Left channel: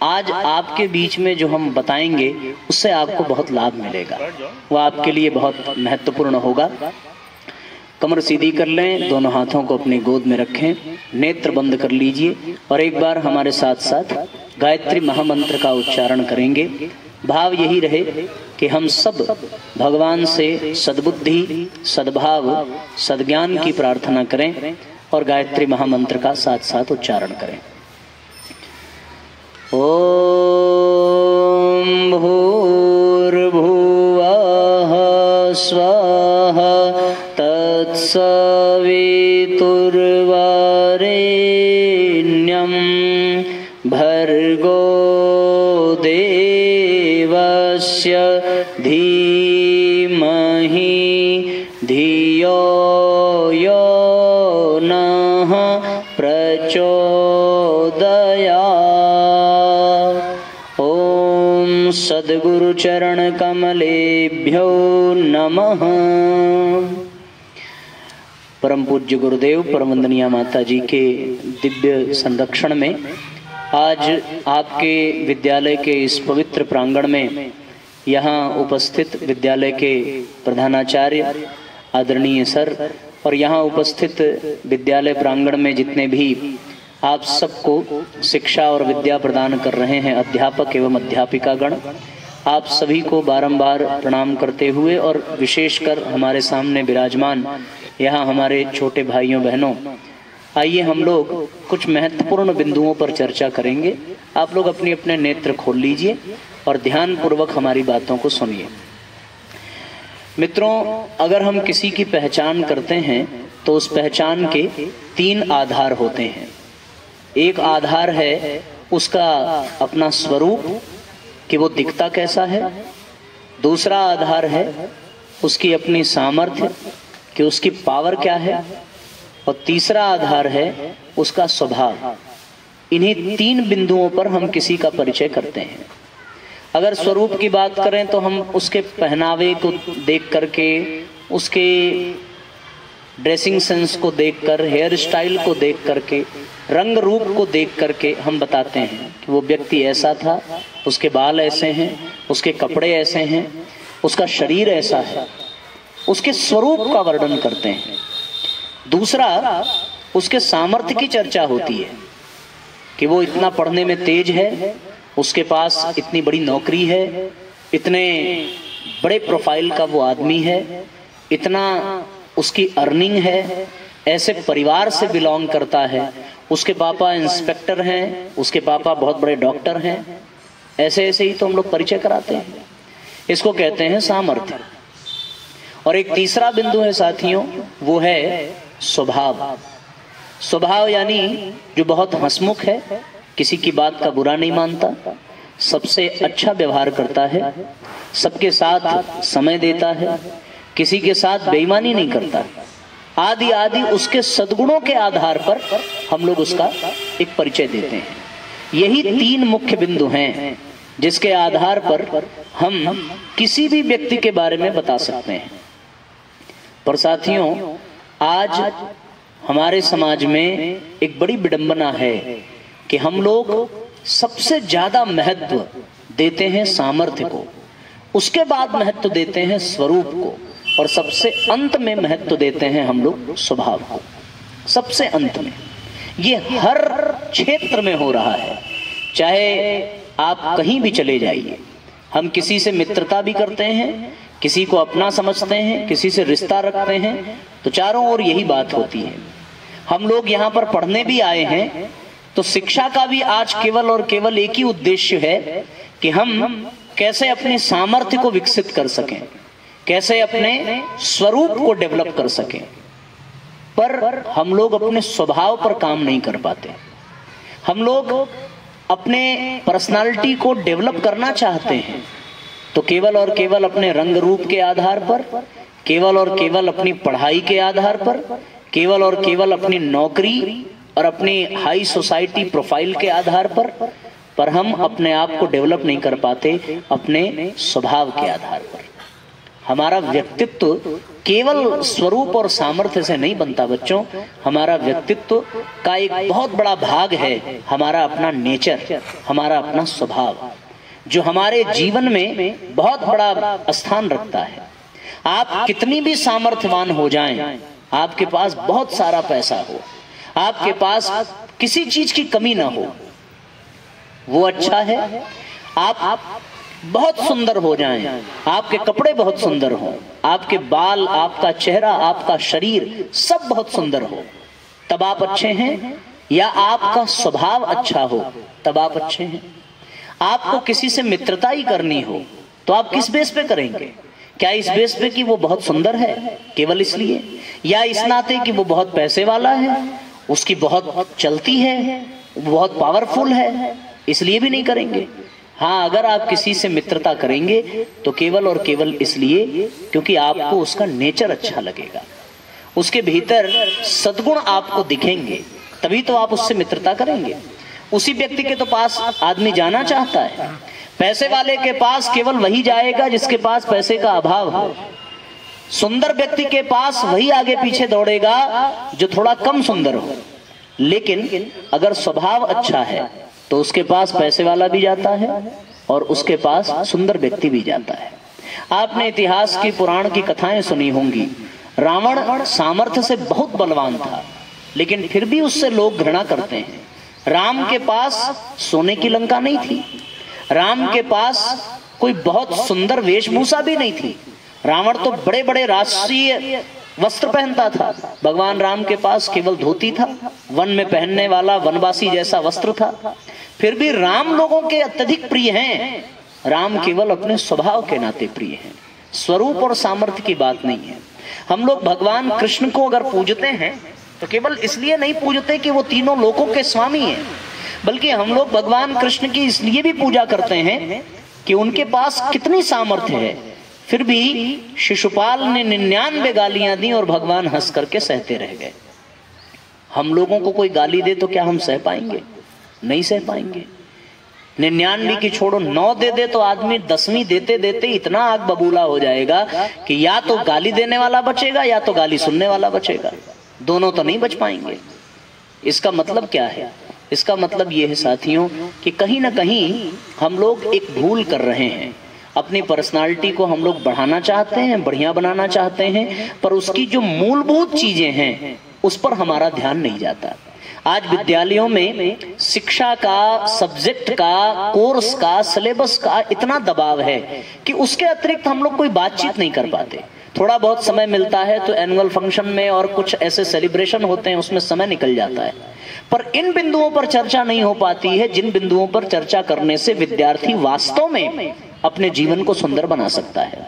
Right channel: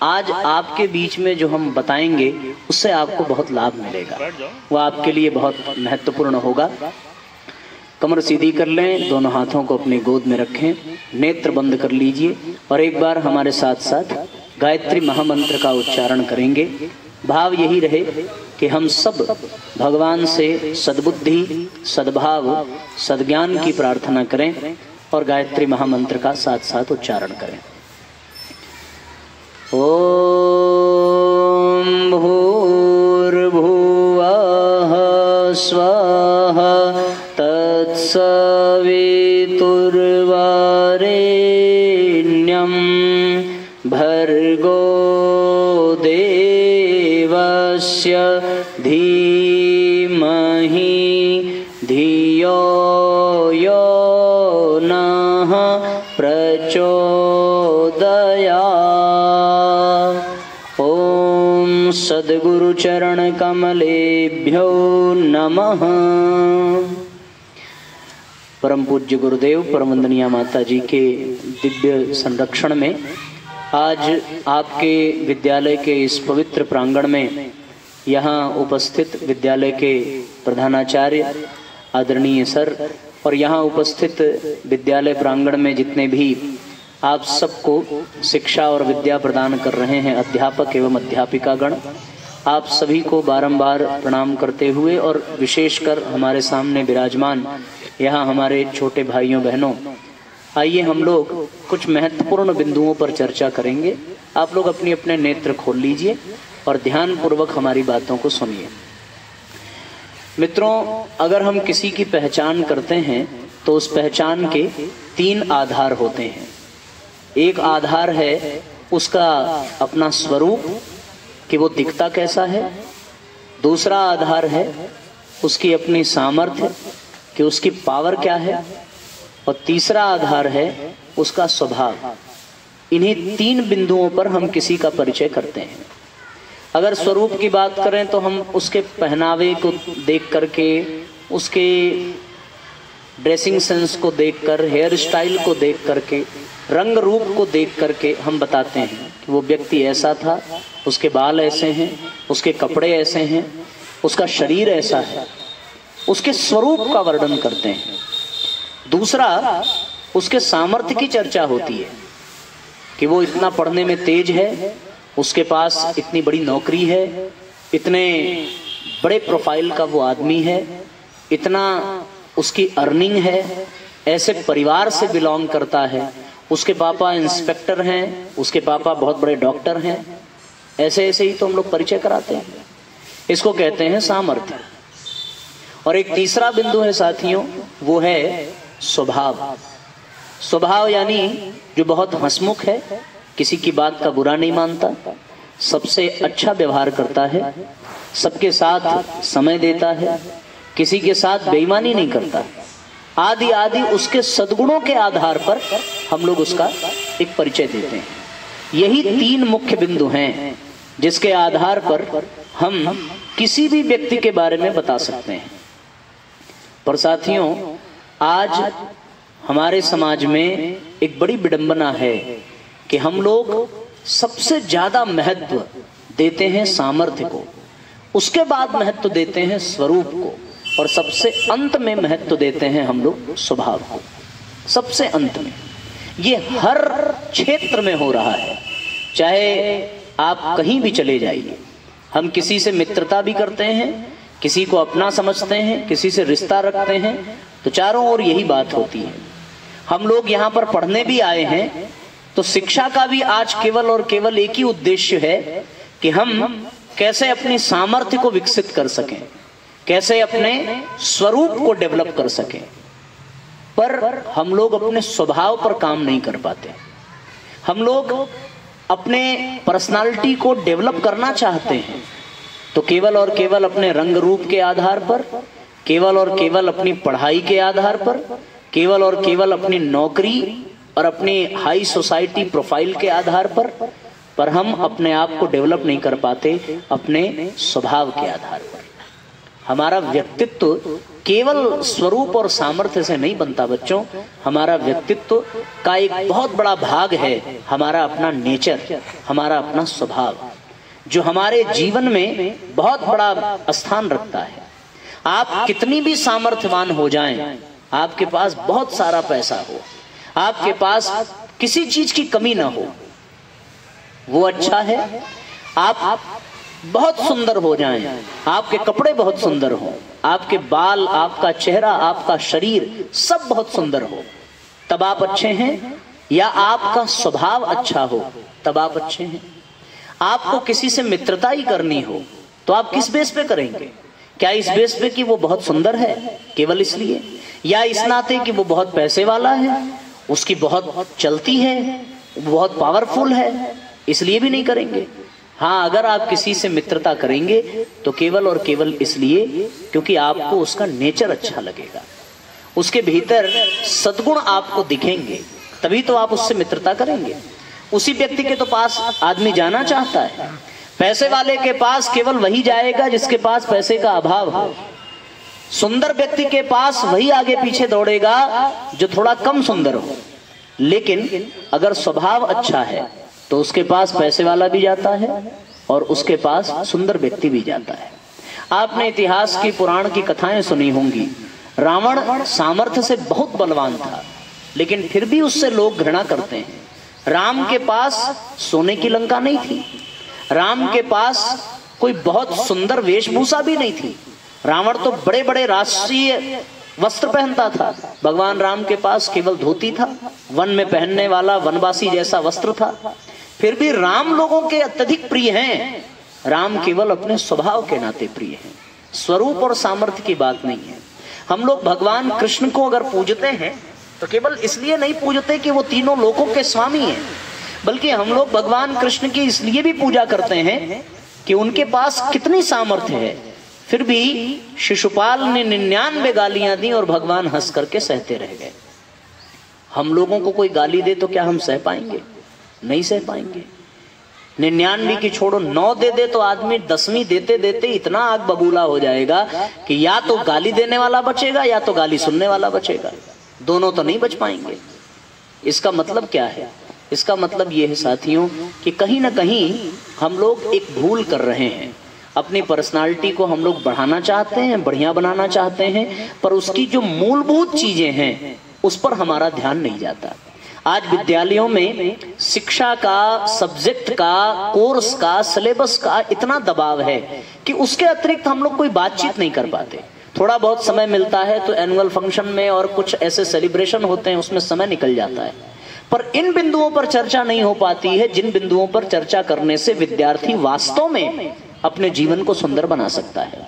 आज आपके बीच में जो हम बताएंगे उससे आपको बहुत लाभ मिलेगा, वो आपके लिए बहुत महत्वपूर्ण होगा। कमर सीधी कर लें, दोनों हाथों को अपनी गोद में रखें, नेत्र बंद कर लीजिए और एक बार हमारे साथ साथ गायत्री महामंत्र का उच्चारण करेंगे। भाव यही रहे कि हम सब भगवान से सद्बुद्धि, सद्भाव, सद्ज्ञान की प्रार्थना करें और गायत्री महामंत्र का साथ साथ उच्चारण करें। ओम भूर्भुवः स्वः तत्सवितुर्वरेण्यं भर्गो देवस्य धीमहि धियो यो नः प्रचोदयात्। ओम सद्गुरु चरण कमलेभ्यो नमः। परम पूज्य गुरुदेव परम वंदनीय माता जी के दिव्य संरक्षण में आज आपके विद्यालय के इस पवित्र प्रांगण में यहाँ उपस्थित विद्यालय के प्रधानाचार्य आदरणीय सर और यहाँ उपस्थित विद्यालय प्रांगण में जितने भी आप सबको शिक्षा और विद्या प्रदान कर रहे हैं अध्यापक एवं अध्यापिका गण, आप सभी को बारंबार प्रणाम करते हुए और विशेषकर हमारे सामने विराजमान यहाँ हमारे छोटे भाइयों बहनों, आइए हम लोग कुछ महत्वपूर्ण बिंदुओं पर चर्चा करेंगे। आप लोग अपने अपने नेत्र खोल लीजिए और ध्यान पूर्वक हमारी बातों को सुनिए। मित्रों, अगर हम किसी की पहचान करते हैं तो उस पहचान के 3 आधार होते हैं। एक आधार है उसका अपना स्वरूप कि वो दिखता कैसा है, दूसरा आधार है उसकी अपनी सामर्थ्य कि उसकी पावर क्या है, और तीसरा आधार है उसका स्वभाव। इन्हीं 3 बिंदुओं पर हम किसी का परिचय करते हैं। अगर स्वरूप की बात करें तो हम उसके पहनावे को देख करके, उसके ड्रेसिंग सेंस को देखकर, हेयर स्टाइल को देख करके, रंग रूप को देख करके हम बताते हैं कि वो व्यक्ति ऐसा था, उसके बाल ऐसे हैं, उसके कपड़े ऐसे हैं, उसका शरीर ऐसा है, उसके स्वरूप का वर्णन करते हैं। दूसरा, उसके सामर्थ्य की चर्चा होती है कि वो इतना पढ़ने में तेज है, उसके पास इतनी बड़ी नौकरी है, इतने बड़े प्रोफाइल का वो आदमी है, इतना उसकी अर्निंग है, ऐसे परिवार से बिलोंग करता है, उसके पापा इंस्पेक्टर हैं, उसके पापा बहुत बड़े डॉक्टर हैं, ऐसे ऐसे ही तो हम लोग परिचय कराते हैं। इसको कहते हैं सामर्थ्य। और एक तीसरा बिंदु है साथियों, वो है स्वभाव। स्वभाव यानी जो बहुत हंसमुख है, किसी की बात का बुरा नहीं मानता, सबसे अच्छा व्यवहार करता है, सबके साथ समय देता है, किसी के साथ बेईमानी नहीं करता, आदि आदि उसके सद्गुणों के आधार पर हम लोग उसका एक परिचय देते हैं। यही 3 मुख्य बिंदु हैं जिसके आधार पर हम किसी भी व्यक्ति के बारे में बता सकते हैं। पर साथियों, आज हमारे समाज में एक बड़ी विडंबना है कि हम लोग सबसे ज्यादा महत्व देते हैं सामर्थ्य को, उसके बाद महत्व देते हैं स्वरूप को, और सबसे अंत में महत्व देते हैं हम लोग स्वभाव को। सबसे अंत में। ये हर क्षेत्र में हो रहा है, चाहे आप कहीं भी चले जाइए। हम किसी से मित्रता भी करते हैं, किसी को अपना समझते हैं, किसी से रिश्ता रखते हैं, तो चारों ओर यही बात होती है। हम लोग यहाँ पर पढ़ने भी आए हैं तो शिक्षा का भी आज केवल और केवल एक ही उद्देश्य है कि हम कैसे अपने सामर्थ्य को विकसित कर सकें, कैसे अपने स्वरूप को डेवलप कर सकें। पर हम लोग अपने स्वभाव पर काम नहीं कर पाते। हम लोग अपने पर्सनालिटी को डेवलप करना चाहते हैं तो केवल और केवल अपने रंग रूप के आधार पर, केवल और केवल अपनी पढ़ाई के आधार पर, केवल और केवल अपनी नौकरी और अपनी हाई सोसाइटी प्रोफाइल के आधार पर हम अपने आप को डेवलप नहीं कर पाते अपने स्वभाव के आधार पर। हमारा व्यक्तित्व केवल स्वरूप और सामर्थ्य से नहीं बनता बच्चों। हमारा व्यक्तित्व का एक बहुत बड़ा भाग है हमारा अपना नेचर, हमारा अपना स्वभाव, जो हमारे जीवन में बहुत बड़ा स्थान रखता है। आप कितनी भी सामर्थ्यवान हो जाएं, आपके पास बहुत सारा पैसा हो, आपके पास किसी चीज की कमी ना हो, वो अच्छा है। आप बहुत सुंदर हो जाएं, आपके कपड़े बहुत सुंदर हो, आपके बाल, आपका चेहरा, आपका शरीर सब बहुत सुंदर हो, तब आप अच्छे हैं। या आपका स्वभाव अच्छा हो तब आप अच्छे हैं। आपको किसी से मित्रता ही करनी हो तो आप किस बेस पे करेंगे? क्या इस बेस पे कि वो बहुत सुंदर है केवल इसलिए, या इस नाते कि वो बहुत पैसे वाला है, उसकी बहुत चलती है, वो बहुत पावरफुल है, इसलिए भी नहीं करेंगे। हाँ, अगर आप किसी से मित्रता करेंगे तो केवल और केवल इसलिए क्योंकि आपको उसका नेचर अच्छा लगेगा, उसके भीतर सद्गुण आपको दिखेंगे, तभी तो आप उससे मित्रता करेंगे। उसी व्यक्ति के तो पास आदमी जाना चाहता है। पैसे वाले के पास केवल वही जाएगा जिसके पास पैसे का अभाव हो। सुंदर व्यक्ति के पास वही आगे पीछे दौड़ेगा जो थोड़ा कम सुंदर हो। लेकिन अगर स्वभाव अच्छा है तो उसके पास पैसे वाला भी जाता है और उसके पास सुंदर व्यक्ति भी जाता है। आपने इतिहास की, पुराण की कथाएं सुनी होंगी। रावण सामर्थ्य से बहुत बलवान था, लेकिन फिर भी उससे लोग घृणा करते हैं। राम के पास सोने की लंका नहीं थी, राम के पास कोई बहुत सुंदर वेशभूषा भी नहीं थी। रावण तो बड़े बड़े राष्ट्रीय वस्त्र पहनता था, भगवान राम के पास केवल धोती था, वन में पहनने वाला वनवासी जैसा वस्त्र था। फिर भी राम लोगों के अत्यधिक प्रिय हैं। राम केवल अपने स्वभाव के नाते प्रिय हैं, स्वरूप और सामर्थ्य की बात नहीं है। हम लोग भगवान कृष्ण को अगर पूजते हैं तो केवल इसलिए नहीं पूजते कि वो तीनों लोकों के स्वामी हैं, बल्कि हम लोग भगवान कृष्ण की इसलिए भी पूजा करते हैं कि उनके पास कितनी सामर्थ्य है। फिर भी शिशुपाल ने 99 गालियां दी और भगवान हंस करके सहते रह गए। हम लोगों को कोई गाली दे तो क्या हम सह पाएंगे? नहीं सह पाएंगे। 99 की छोड़ो, 9 दे दे तो आदमी 10वीं देते देते इतना आग बबूला हो जाएगा कि या तो गाली देने वाला बचेगा या तो गाली सुनने वाला बचेगा, दोनों तो नहीं बच पाएंगे। इसका मतलब क्या है? इसका मतलब यह है साथियों कि कहीं ना कहीं हम लोग एक भूल कर रहे हैं। अपनी पर्सनालिटी को हम लोग बढ़ाना चाहते हैं, बढ़िया बनाना चाहते हैं, पर उसकी जो मूलभूत चीजें हैं उस पर हमारा ध्यान नहीं जाता। आज विद्यालयों में शिक्षा का, सब्जेक्ट का, कोर्स का, सिलेबस का इतना दबाव है कि उसके अतिरिक्त हम लोग कोई बातचीत नहीं कर पाते। थोड़ा बहुत समय मिलता है तो एनुअल फंक्शन में और कुछ ऐसे सेलिब्रेशन होते हैं, उसमें समय निकल जाता है, पर इन बिंदुओं पर चर्चा नहीं हो पाती है जिन बिंदुओं पर चर्चा करने से विद्यार्थी वास्तव में अपने जीवन को सुंदर बना सकता है।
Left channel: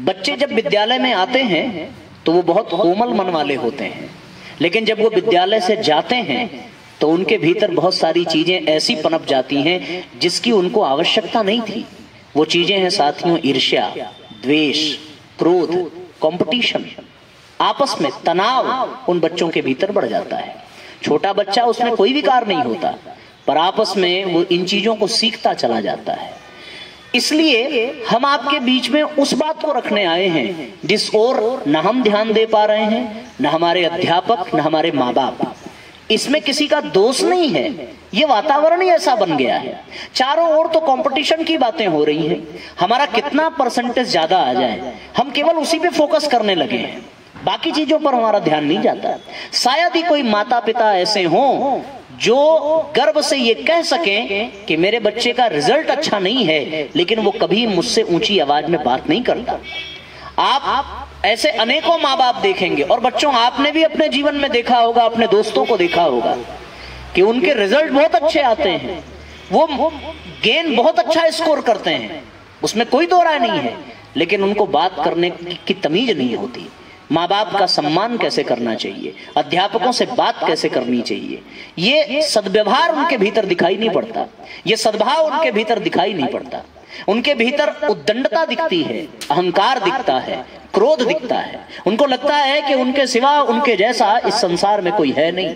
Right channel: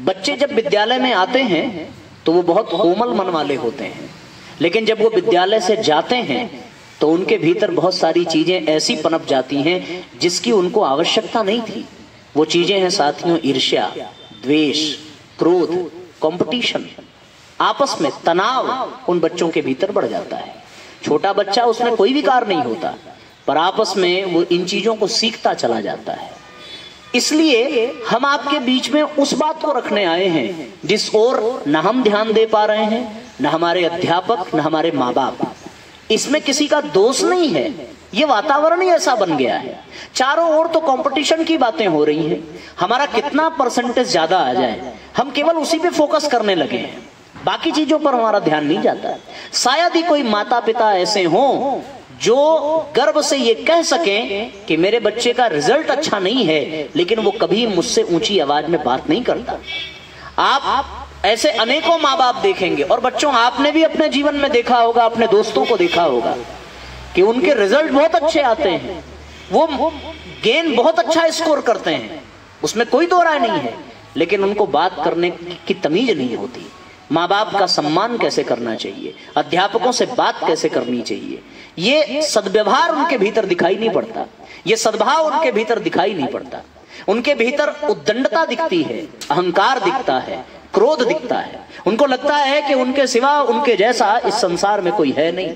बच्चे जब विद्यालय में आते हैं तो वो बहुत कोमल मन वाले होते हैं, लेकिन जब वो विद्यालय से जाते हैं तो उनके भीतर बहुत सारी चीजें ऐसी पनप जाती हैं जिसकी उनको आवश्यकता नहीं थी। वो चीजें हैं साथियों, ईर्ष्या, द्वेष, क्रोध, कंपटीशन, आपस में तनाव उन बच्चों के भीतर बढ़ जाता है। छोटा बच्चा, उसमें कोई विकार नहीं होता, पर आपस में वो इन चीजों को सीखता चला जाता है। इसलिए हम आपके बीच में उस बात को रखने आए हैं जिस ओर न हम ध्यान दे पा रहे हैं, न हमारे अध्यापक, न हमारे माँ बाप। इसमें किसी का दोष नहीं है, ये वातावरण ही ऐसा बन गया है। चारों ओर तो कंपटीशन की बातें हो रही हैं। हमारा कितना परसेंटेज ज्यादा आ जाए, हम केवल उसी पे फोकस करने लगे हैं, बाकी चीजों पर हमारा ध्यान नहीं जाता। शायद ही कोई माता पिता ऐसे हों जो गर्व से ये कह सकें कि मेरे बच्चे का रिजल्ट अच्छा नहीं है, लेकिन वो कभी मुझसे ऊंची आवाज में बात नहीं करता। आप ऐसे अनेकों माँ बाप देखेंगे, और बच्चों आपने भी अपने जीवन में देखा होगा, अपने दोस्तों को देखा होगा कि उनके रिजल्ट बहुत अच्छे आते हैं, वो गेन बहुत अच्छा स्कोर करते हैं, उसमें कोई दो राय नहीं है, लेकिन उनको बात करने की तमीज नहीं होती। माँ बाप का सम्मान कैसे करना चाहिए, अध्यापकों से बात कैसे करनी चाहिए, ये सद्व्यवहार उनके भीतर दिखाई नहीं पड़ता, ये सद्भाव उनके भीतर दिखाई नहीं पड़ता। उनके भीतर उद्दंडता दिखती है, अहंकार दिखता है, क्रोध दिखता है। उनको लगता है कि उनके सिवा, उनके जैसा इस संसार में कोई है नहीं।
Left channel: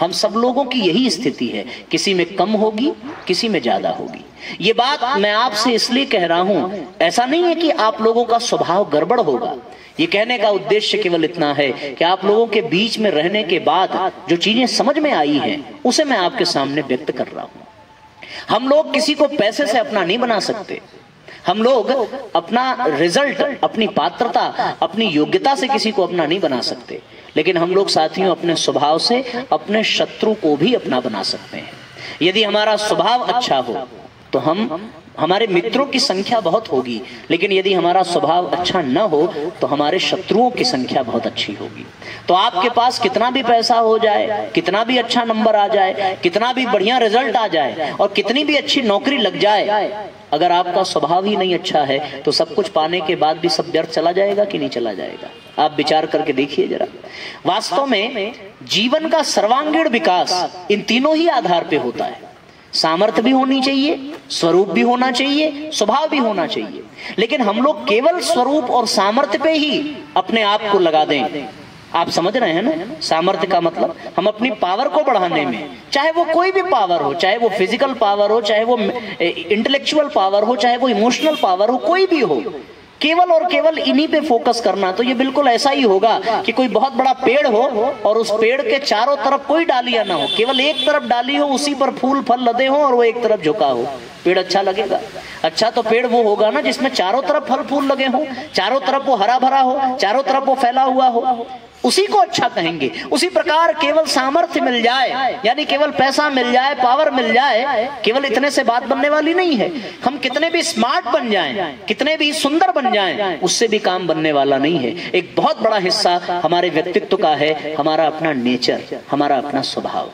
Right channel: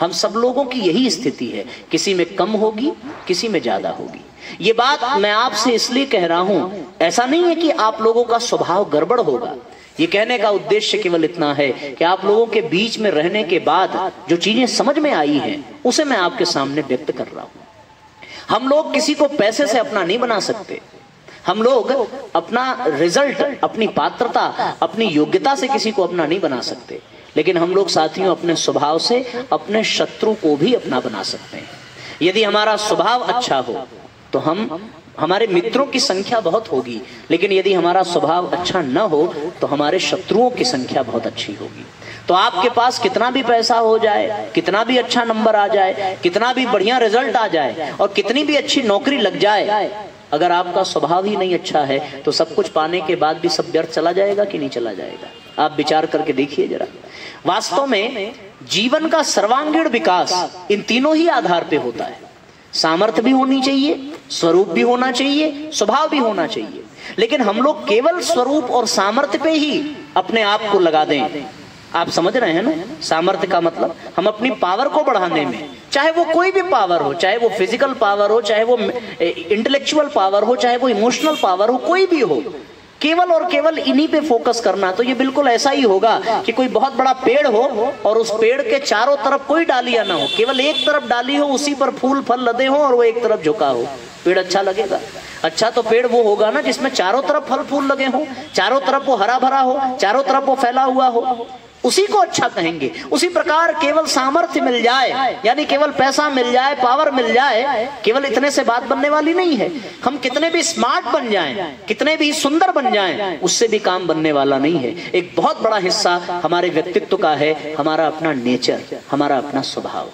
हम सब लोगों की यही स्थिति है, किसी में कम होगी, किसी में ज्यादा होगी। ये बात मैं आपसे इसलिए कह रहा हूं, ऐसा नहीं है कि आप लोगों का स्वभाव गड़बड़ होगा, ये कहने का उद्देश्य केवल इतना है कि आप लोगों के बीच में रहने के बाद जो चीजें समझ में आई हैं उसे मैं आपके सामने व्यक्त कर रहा हूं। हम लोग किसी को पैसे से अपना नहीं बना सकते। हम लोग अपना रिजल्ट, अपनी पात्रता, अपनी योग्यता से किसी को अपना नहीं बना सकते, लेकिन हम लोग साथियों अपने स्वभाव से अपने शत्रु को भी अपना बना सकते हैं। यदि हमारा स्वभाव अच्छा हो तो हमारे मित्रों की संख्या बहुत होगी, लेकिन यदि हमारा स्वभाव अच्छा न हो तो हमारे शत्रुओं की संख्या बहुत अच्छी होगी। तो आपके पास कितना भी पैसा हो जाए, कितना भी अच्छा नंबर आ जाए, कितना भी बढ़िया रिजल्ट आ जाए और कितनी भी अच्छी नौकरी लग जाए, अगर आपका स्वभाव ही नहीं अच्छा है तो सब कुछ पाने के बाद भी सब व्यर्थ चला जाएगा कि नहीं चला जाएगा? आप विचार करके देखिए जरा। वास्तव में जीवन का सर्वांगीण विकास इन तीनों ही आधार पे होता है। सामर्थ्य भी होनी चाहिए, स्वरूप भी होना चाहिए, स्वभाव भी होना चाहिए। लेकिन हम लोग केवल स्वरूप और सामर्थ्य पे ही अपने आप को लगा दें। आप समझ रहे हैं ना? सामर्थ्य का मतलब हम अपनी पावर को बढ़ाने में, चाहे वो कोई भी पावर हो, चाहे वो फिजिकल पावर हो, चाहे वो इंटेलेक्चुअल पावर हो, चाहे वो इमोशनल पावर हो, कोई भी हो, केवल और केवल इन्हीं पे फोकस करना। तो ये बिल्कुल ऐसा ही होगा कि कोई बहुत बड़ा पेड़ हो और उस पेड़ के चारों तरफ कोई डालियां ना हो, केवल एक तरफ डाली हो, उसी पर फूल फल लदे हो और वो एक तरफ झुका हो। पेड़ अच्छा लगेगा? अच्छा तो पेड़ वो होगा ना जिसमें चारों तरफ फल फूल लगे हो, चारों तरफ वो हरा भरा हो, चारों तरफ वो फैला हुआ हो, उसी को अच्छा कहेंगे। उसी प्रकार केवल सामर्थ्य मिल जाए, यानी केवल पैसा मिल जाए, पावर मिल जाए, केवल इतने से बात बनने वाली नहीं है। हम कितने भी स्मार्ट बन जाएं, कितने भी सुंदर बन जाएं, उससे भी काम बनने वाला नहीं है। एक बहुत बड़ा हिस्सा हमारे व्यक्तित्व का है हमारा अपना नेचर, हमारा अपना स्वभाव।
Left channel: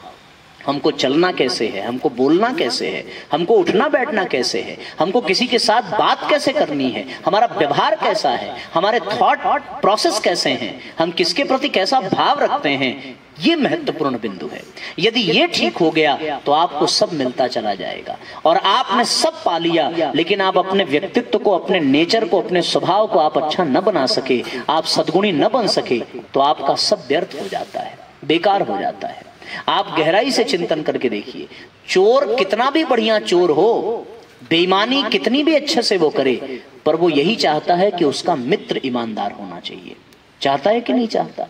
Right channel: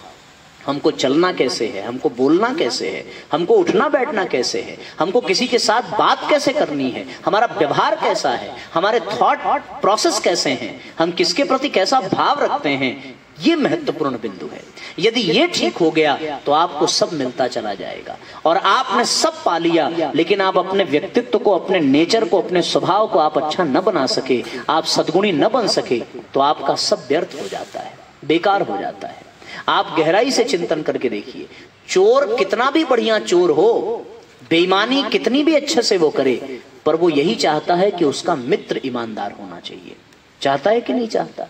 हमको चलना कैसे है, हमको बोलना कैसे है, हमको उठना बैठना कैसे है, हमको किसी के साथ बात कैसे करनी है, हमारा व्यवहार कैसा है, हमारे थॉट प्रोसेस कैसे हैं, हम किसके प्रति कैसा भाव रखते हैं, ये महत्वपूर्ण बिंदु है। यदि ये ठीक हो गया तो आपको सब मिलता चला जाएगा और आपने सब पा लिया, लेकिन आप अपने व्यक्तित्व को, अपने नेचर को, अपने स्वभाव को आप अच्छा न बना सके, आप सद्गुणी न बन सके, तो आपका सब व्यर्थ हो जाता है, बेकार हो जाता है। आप गहराई से चिंतन करके देखिए, चोर कितना भी बढ़िया चोर हो, बेईमानी कितनी भी अच्छे से वो करे, पर वो यही चाहता है कि उसका मित्र ईमानदार होना चाहिए। चाहता है कि नहीं चाहता?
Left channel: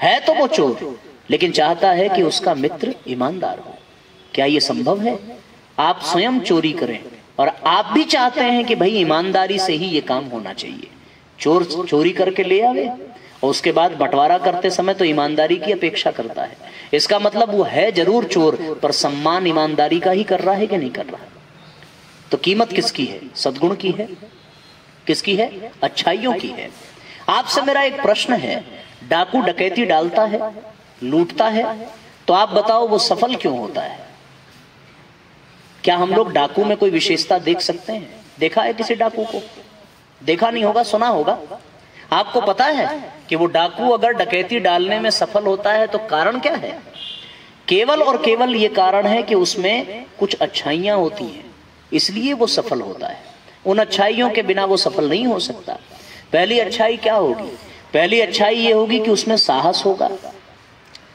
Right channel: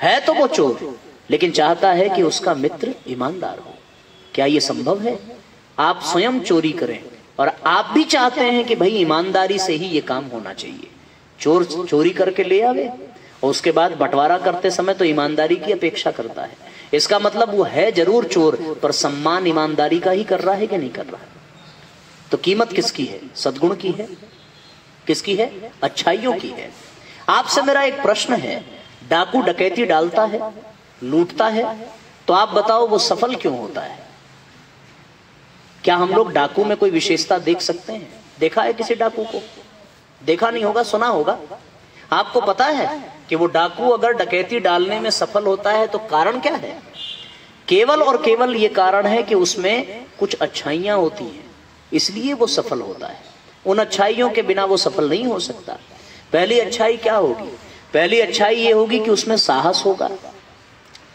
है तो वो चोर, लेकिन चाहता है कि उसका मित्र ईमानदार हो। क्या ये संभव है? आप स्वयं चोरी करें और आप भी चाहते हैं कि भाई ईमानदारी से ही ये काम होना चाहिए। चोर चोरी करके ले आवे और उसके बाद बंटवारा करते समय तो ईमानदारी की अपेक्षा करता है। इसका मतलब वो है जरूर चोर, पर सम्मान ईमानदारी का ही कर रहा है कि नहीं कर रहा है? तो कीमत किसकी है? सद्गुण की है? किसकी है? अच्छाइयों की है। आपसे मेरा एक प्रश्न है, डाकू डकैती डालता है, लूटता है, तो आप बताओ वो सफल क्यों होता है? क्या हम लोग डाकू में कोई विशेषता देख सकते हैं? देखा है किसी डाकू को? देखा नहीं होगा, सुना होगा। आपको पता है कि वो डाकू अगर डकैती डालने में सफल होता है तो कारण क्या है? केवल और केवल ये कारण है कि उसमें कुछ अच्छाइयां होती हैं, इसलिए वो सफल होता है। उन अच्छाइयों के बिना वो सफल नहीं हो सकता। पहली अच्छाई क्या होगी? पहली अच्छाई ये होगी कि उसमें साहस होगा,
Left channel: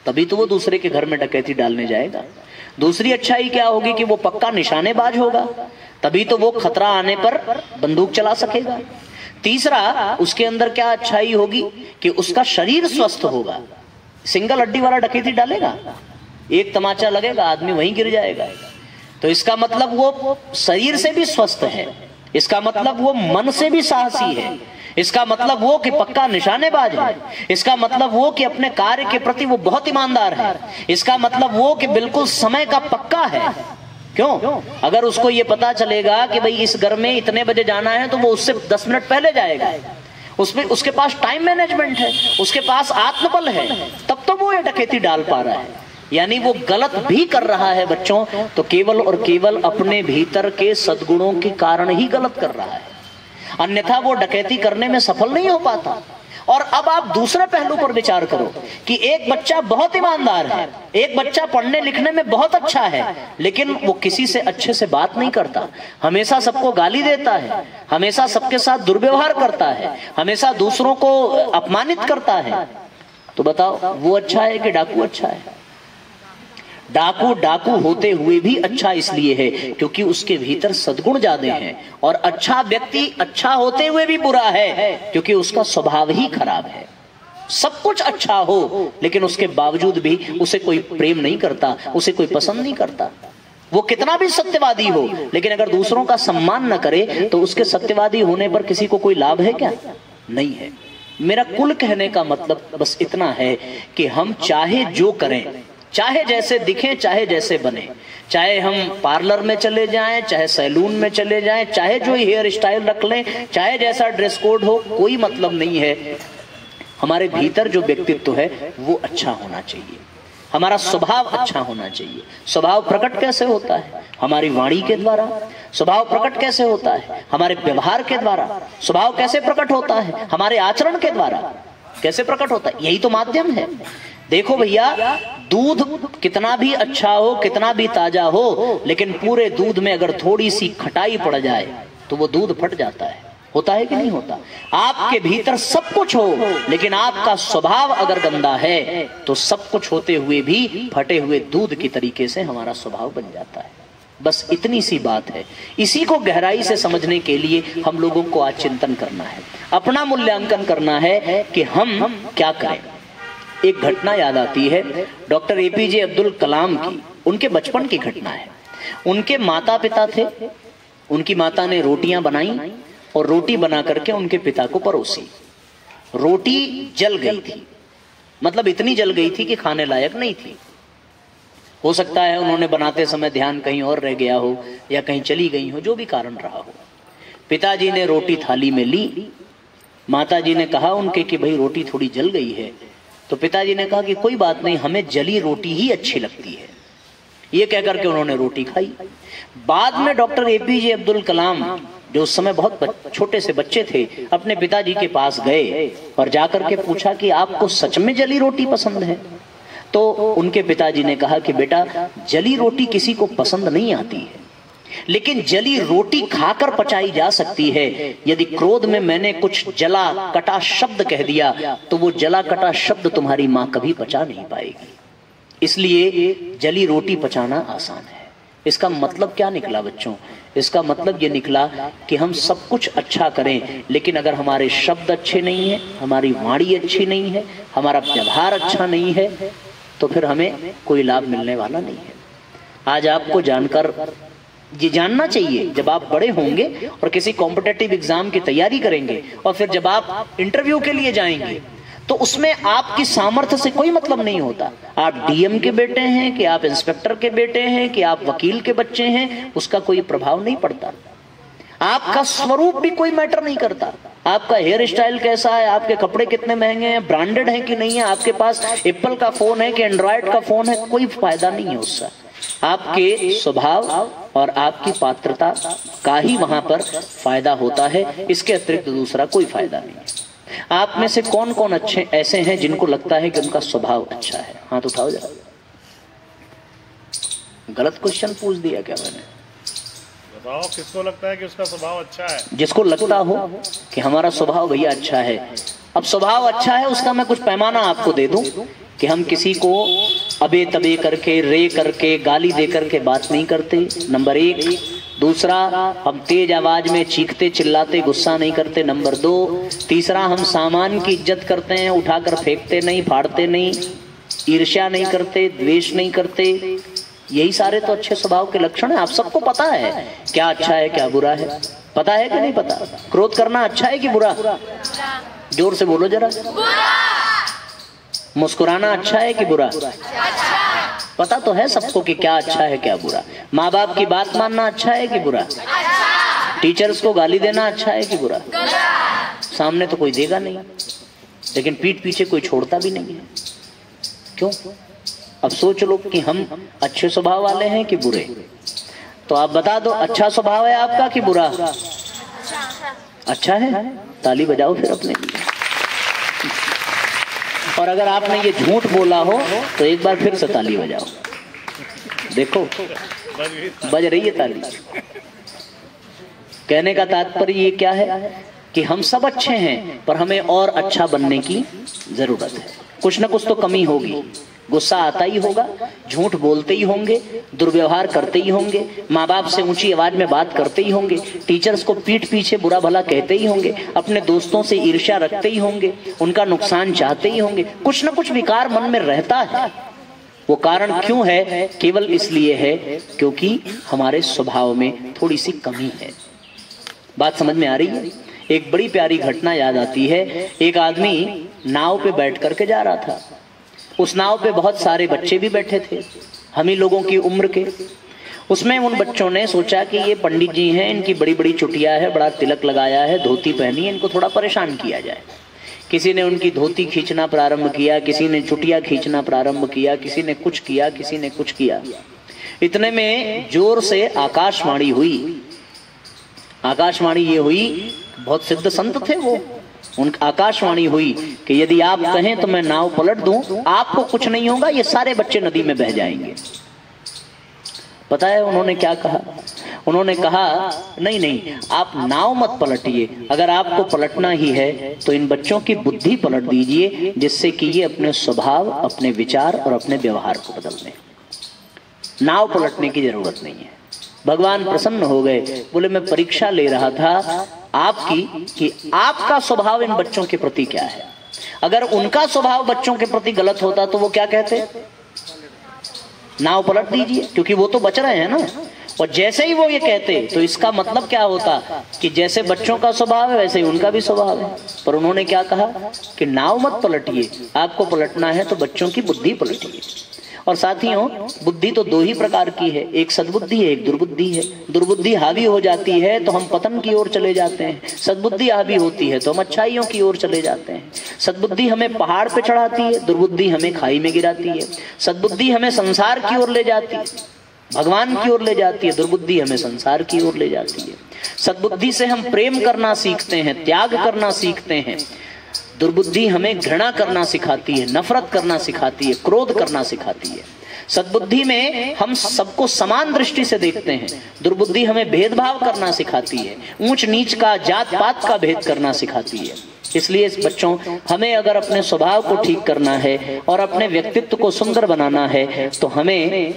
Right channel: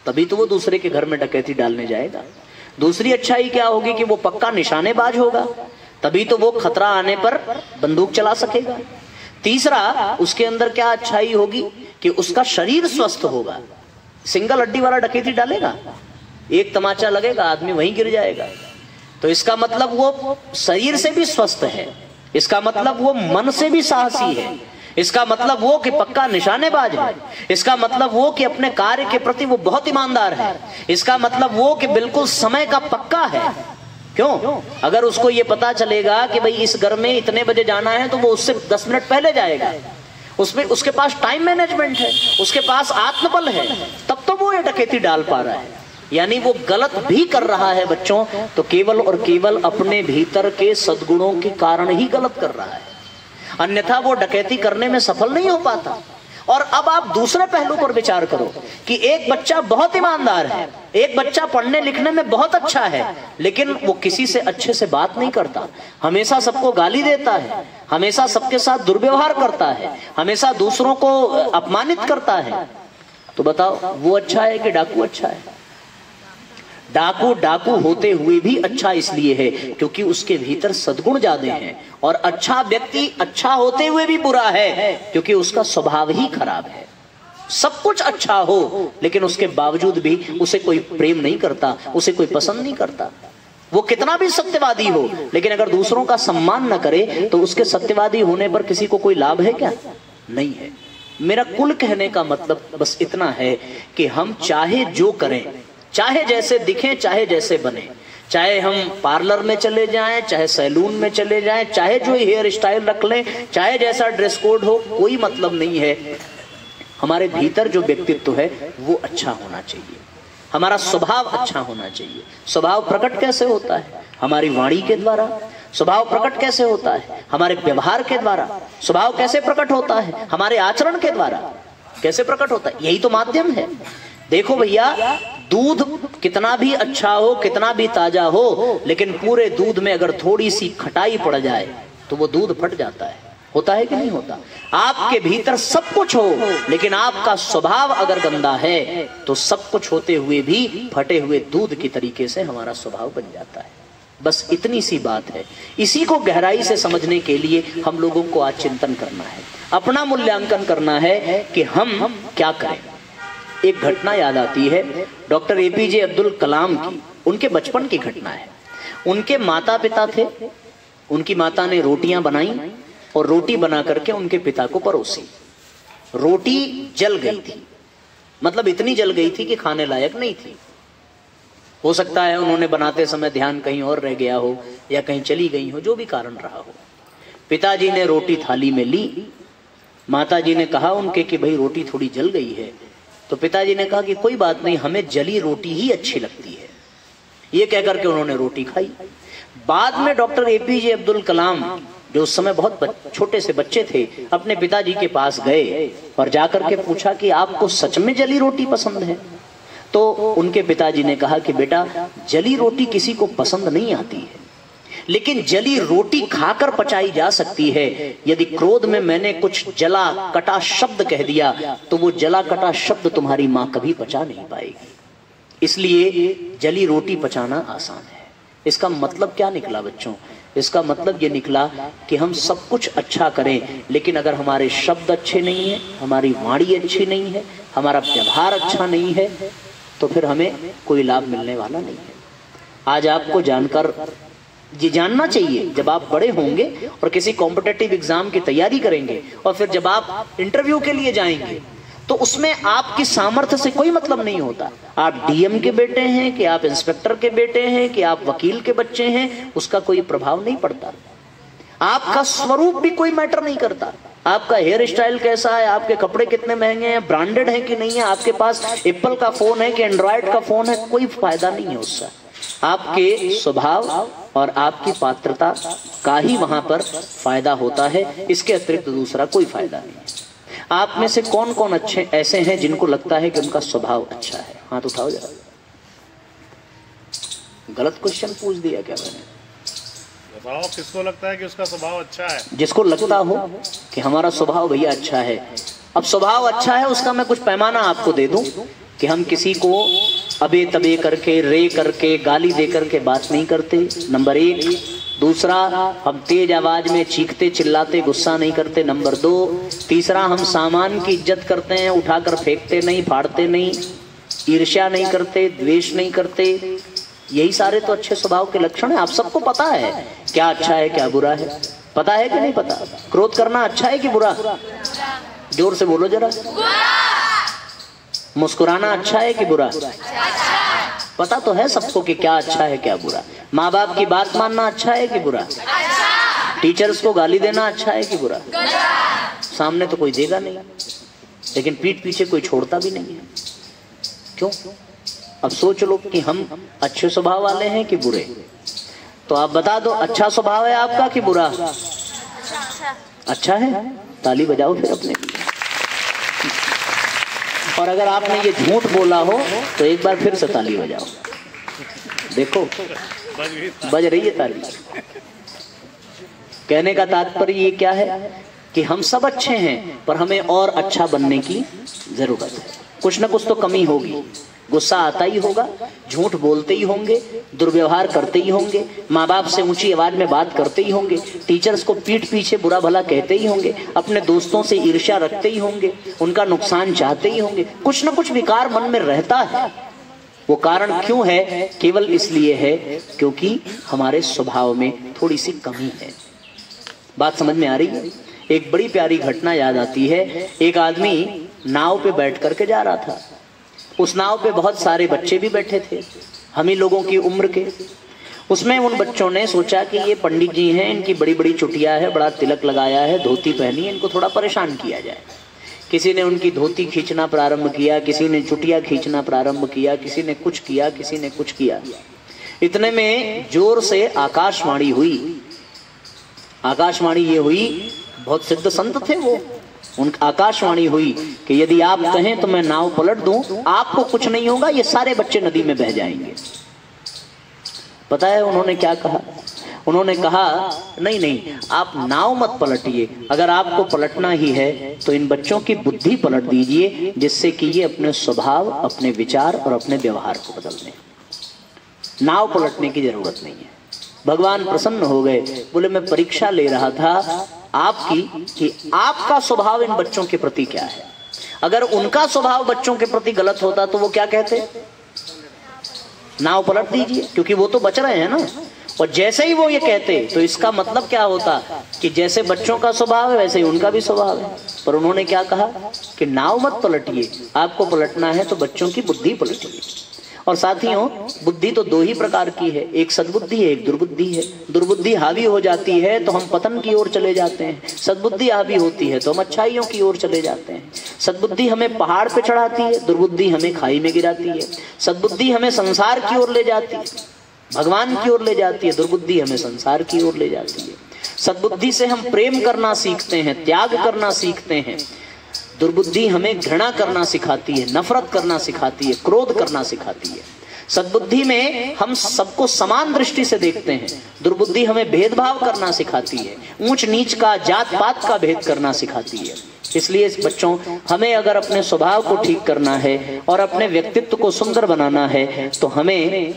तभी तो वो दूसरे के घर में डकैती डालने जाएगा। दूसरी अच्छाई क्या होगी कि वो पक्का निशानेबाज होगा, तभी तो वो खतरा आने पर बंदूक चला सकेगा। तीसरा, उसके अंदर क्या अच्छाई होगी कि उसका शरीर स्वस्थ होगा। सिंगल हड्डी वाला डकैती डालेगा, एक तमाचा लगेगा, आदमी वहीं गिर जाएगा। तो इसका मतलब वो शरीर से भी स्वस्थ है, इसका मतलब वो मन से भी साहसी है, इसका मतलब वो कि पक्का निशानेबाज है, इसका मतलब वो कि अपने कार्य के प्रति वो बहुत ईमानदार है, इसका मतलब वो कि बिल्कुल समय का पक्का है। क्यों? अगर उसको ये पता चलेगा कि भाई इस घर में इतने बजे जाना है तो वो उससे 10 मिनट पहले जाएगा, उसमें उसके पास टाइम मैनेजमेंट है, उसके पास आत्मबल है, तब तो वो ये डकैती डाल पा रहा है। यानी वो गलत भी कर रहा है बच्चों, तो केवल और केवल अपने भीतर के सद्गुणों के कारण ही गलत कर रहा है, अन्यथा वो डकैती करने में सफल नहीं हो पाता। और अब आप दूसरे पहलू पर विचार करो कि एक बच्चा बहुत ईमानदार है, एक बच्चा पढ़ने लिखने में बहुत अच्छा है, लेकिन वो किसी से अच्छे से बात नहीं करता, हमेशा सबको गाली देता है, हमेशा सबके साथ दुर्व्यवहार करता है, हमेशा दूसरों को अपमानित करता है, तो बताओ वो अच्छा है कि डाकू अच्छा है? डाकू डाकू होते हुए भी अच्छा इसलिए है क्योंकि उसके भीतर सद्गुण ज्यादा हैं, और अच्छा व्यक्ति अच्छा होते हुए भी बुरा है क्योंकि उसका स्वभाव ही खराब है। सब कुछ अच्छा हो लेकिन उसके बावजूद भी उसे कोई प्रेम नहीं करता, उसे कोई पसंद नहीं करता। वो कितना भी सत्यवादी हो लेकिन अगर दूसरों का सम्मान न करे तो उसके सत्यवादी होने पर किसी को कोई लाभ है क्या? नहीं है। मेरा कुल कहने का मतलब बस इतना है कि हम चाहे जो करें, चाहे जैसे दिखें, चाहे जैसे बने, चाहे हम पार्लर में चले जाएं, चाहे सैलून में चले जाएं, चाहे जो हेयर स्टाइल रख लें, चाहे जैसा ड्रेस कोड हो, कोई मतलब नहीं है। हमारे भीतर जो व्यक्तित्व है वो अच्छा होना चाहिए, हमारा स्वभाव अच्छा होना चाहिए। स्वभाव प्रकट कैसे होता है? हमारी वाणी के द्वारा। स्वभाव प्रकट कैसे होता है? हमारे व्यवहार के द्वारा। स्वभाव कैसे प्रकट होता है? हमारे आचरण के द्वारा। कैसे प्रकट होता है? यही तो माध्यम है। देखो भैया, दूध कितना भी अच्छा हो, कितना भी ताजा हो, लेकिन पूरे दूध में अगर थोड़ी सी खटाई पड़ जाए तो वो दूध फट जाता है। होता है कि नहीं होता? आपके भीतर सब कुछ हो लेकिन आपका स्वभाव अगर गंदा है तो सब कुछ होते हुए भी फटे हुए दूध की तरीके से हमारा स्वभाव बन जाता है। बस इतनी सी बात है। इसी को गहराई से समझने के लिए हम लोगों को आज चिंतन करना है, अपना मूल्यांकन करना है कि हम क्या करें। एक घटना याद आती है डॉक्टर एपीजे अब्दुल कलाम की। उनके बचपन की घटना है। उनके माता पिता थे, उनकी माता ने रोटियां बनाई और रोटी बना करके उनके पिता को परोसी। रोटी जल गई थी, मतलब इतनी जल गई थी कि खाने लायक नहीं थी। हो सकता है उन्होंने बनाते समय ध्यान कहीं और रह गया हो या कहीं चली गई हो, जो भी कारण रहा हो। पिताजी ने रोटी थाली में ली। माताजी ने कहा उनके कि भाई रोटी थोड़ी जल गई है। तो पिताजी ने कहा कि कोई बात नहीं, हमें जली रोटी ही अच्छी लगती है। ये कहकर के उन्होंने रोटी खाई। बाद में डॉक्टर एपीजे अब्दुल कलाम, जो उस समय बहुत छोटे से बच्चे थे, अपने पिताजी के पास गए और जाकर के पूछा कि आपको सच में जली रोटी पसंद है? तो उनके पिताजी ने कहा कि बेटा, जली रोटी किसी को पसंद नहीं आती है, लेकिन जली रोटी खाकर पचाई जा सकती है। यदि क्रोध में मैंने कुछ जला कटा शब्द कह दिया तो वो जला कटा शब्द तुम्हारी मां कभी पचा नहीं पाएगी। इसलिए जली रोटी पचाना आसान है। इसका मतलब क्या निकला बच्चों? इसका मतलब ये निकला कि हम सब कुछ अच्छा करें, लेकिन अगर हमारे शब्द अच्छे नहीं है, हमारी वाणी अच्छी नहीं है, हमारा व्यवहार अच्छा नहीं है, तो फिर हमें कोई लाभ मिलने वाला नहीं है। आज आपको जानकर ये जानना चाहिए, जब आप बड़े होंगे और किसी कॉम्पिटिटिव एग्जाम की तैयारी करेंगे और फिर जब आप इंटरव्यू के लिए जाएंगे तो उसमें आपकी सामर्थ्य से कोई मतलब नहीं होता। आप डीएम के बेटे हैं कि आप इंस्पेक्टर के बेटे हैं कि आप वकील के बच्चे हैं, उसका कोई प्रभाव नहीं पड़ता। आपका स्वरूप भी कोई मैटर नहीं करता। आपका हेयर स्टाइल कैसा है, आपके कपड़े कितने महंगे हैं, ब्रांडेड हैं कि नहीं है, आपके पास एप्पल का फोन है कि एंड्रॉयड का फोन है, कोई फायदा नहीं है उससे। आपके स्वभाव और आपकी पात्रता का ही वहां पर फायदा होता है, इसके अतिरिक्त दूसरा कोई फायदा नहीं। आप में से कौन कौन अच्छे ऐसे हैं जिनको लगता है कि उनका स्वभाव अच्छा है? हाथ उठाओ जरा। गलत क्वेश्चन पूछ दिया क्या मैंने? बताओ किसको लगता है कि उसका स्वभाव अच्छा है? जिसको लगता हो कि हमारा स्वभाव भैया अच्छा है। अब स्वभाव अच्छा है उसका मैं कुछ पैमाना आपको दे दूं कि हम किसी को अबे तबे करके, रे करके, गाली दे करके बात नहीं करते, नंबर 1। दूसरा, हम तेज आवाज में चीखते चिल्लाते गुस्सा नहीं करते, नंबर 2। तीसरा, हम सामान की इज्जत करते हैं, उठाकर फेंकते नहीं, फाड़ते नहीं, ईर्ष्या नहीं करते, द्वेष नहीं करते। यही सारे तो अच्छे स्वभाव के लक्षण है। आप सबको पता है क्या अच्छा है क्या बुरा है, पता है कि नहीं पता? क्रोध करना अच्छा है कि बुरा? जोर से बोलो जरा। मुस्कुराना अच्छा है कि बुरा? पता तो है सबको कि क्या अच्छा है क्या बुरा। माँ बाप की बात मानना अच्छा है कि बुरा? टीचर्स को गाली देना अच्छा है कि बुरा? सामने तो कोई देगा नहीं, लेकिन पीठ पीछे कोई छोड़ता भी नहीं है। क्यों? अब सोच लो कि हम अच्छे स्वभाव वाले हैं कि बुरे? तो आप बता दो, अच्छा स्वभाव है आपका कि बुरा? अच्छा है, ताली बजाओ फिर अपने लिए। और अगर आपने ये झूठ बोला हो तो एक बार फिर से ताली बजाओ। देखो बज रही है ताली। कहने का तात्पर्य ये क्या है कि हम सब अच्छे हैं पर हमें और अच्छा बनने की जरूरत है। कुछ ना कुछ तो कमी होगी। गुस्सा आता ही होगा, झूठ बोलते ही होंगे, दुर्व्यवहार करते ही होंगे, माँ बाप से ऊंची आवाज में बात करते ही होंगे, टीचर्स को पीठ पीछे बुरा भला कहते ही होंगे, अपने दोस्तों से ईर्ष्या रखते ही होंगे, उनका नुकसान चाहते ही होंगे। कुछ न कुछ विकार मन में रहता है। वो कारण क्यों है? केवल इसलिए है क्योंकि हमारे स्वभाव में थोड़ी सी कमी है। बात समझ में आ रही है? एक बड़ी प्यारी घटना याद आती है। एक आदमी नाव पे बैठ करके जा रहा था। उस नाव पे बहुत सारे बच्चे भी बैठे थे, हम ही लोगों की उम्र के। उसमें उन बच्चों ने सोचा कि ये पंडित जी हैं, इनकी बड़ी बड़ी चुटिया है, बड़ा तिलक लगाया है, धोती पहनी है, इनको थोड़ा परेशान किया जाए। किसी ने उनकी धोती खींचना प्रारंभ किया, किसी ने चुटिया खींचना प्रारंभ किया, किसी ने कुछ किया, किसी ने कुछ किया। इतने में जोर से आकाशवाणी हुई। आकाशवाणी ये हुई, बहुत सिद्ध संत थे वो। उनकी आकाशवाणी हुई कि यदि आप कहें तो मैं नाव पलट दूं, आपको कुछ नहीं होगा, ये सारे बच्चे नदी में बह जाएंगे। पता है उन्होंने क्या कहा? उन्होंने कहा नहीं नहीं, आप नाव मत पलटिए, अगर आपको पलटना ही है तो इन बच्चों की बुद्धि पलट दीजिए, जिससे कि ये अपने स्वभाव, अपने विचार और अपने व्यवहार को बदल लें। नाव पलटने की जरूरत नहीं है। भगवान प्रसन्न हो गए, बोले मैं परीक्षा ले रहा था आपकी कि आपका स्वभाव इन बच्चों के प्रति क्या है। अगर उनका स्वभाव बच्चों के प्रति गलत होता तो वो क्या कहते? नाव पलट दीजिए, क्योंकि वो तो बच रहे हैं ना। और जैसे ही वो ये कहते तो इसका मतलब क्या होता कि जैसे बच्चों का स्वभाव है वैसे ही उनका भी स्वभाव है। पर उन्होंने क्या कहा कि नाव मत पलटिए, आपको पलटना है तो बच्चों की बुद्धि पलटिए। और साथियों, बुद्धि तो दो ही प्रकार की है, एक सद्बुद्धि है, एक दुर्बुद्धि है। दुर्बुद्धि हावी हो जाती है तो हम पतन की ओर चले जाते हैं, सद्बुद्धि हावी होती है तो हम अच्छाइयों की ओर चले जाते हैं। सद्बुद्धि हमें पहाड़ पे चढ़ाती है, दुर्बुद्धि हमें खाई में गिराती है। सद्बुद्धि हमें संसार की ओर ले जाती है, भगवान की ओर ले जाती है, दुर्बुद्धि हमें संसार की ओर ले जाती है। सद्बुद्धि से हम प्रेम करना सीखते हैं, त्याग करना सीखते हैं। दुर्बुद्धि हमें घृणा करना सिखाती है, नफरत करना सिखाती है, क्रोध करना सिखाती है। सद्बुद्धि में हम सबको समान दृष्टि से देखते हैं, दुर्बुद्धि हमें भेदभाव करना सिखाती है, ऊंच नीच का, जात पात का भेद करना सिखाती है। इसलिए इस बच्चों, हमें अगर अपने स्वभाव को ठीक करना है और अपने व्यक्तित्व को सुंदर बनाना है तो हमें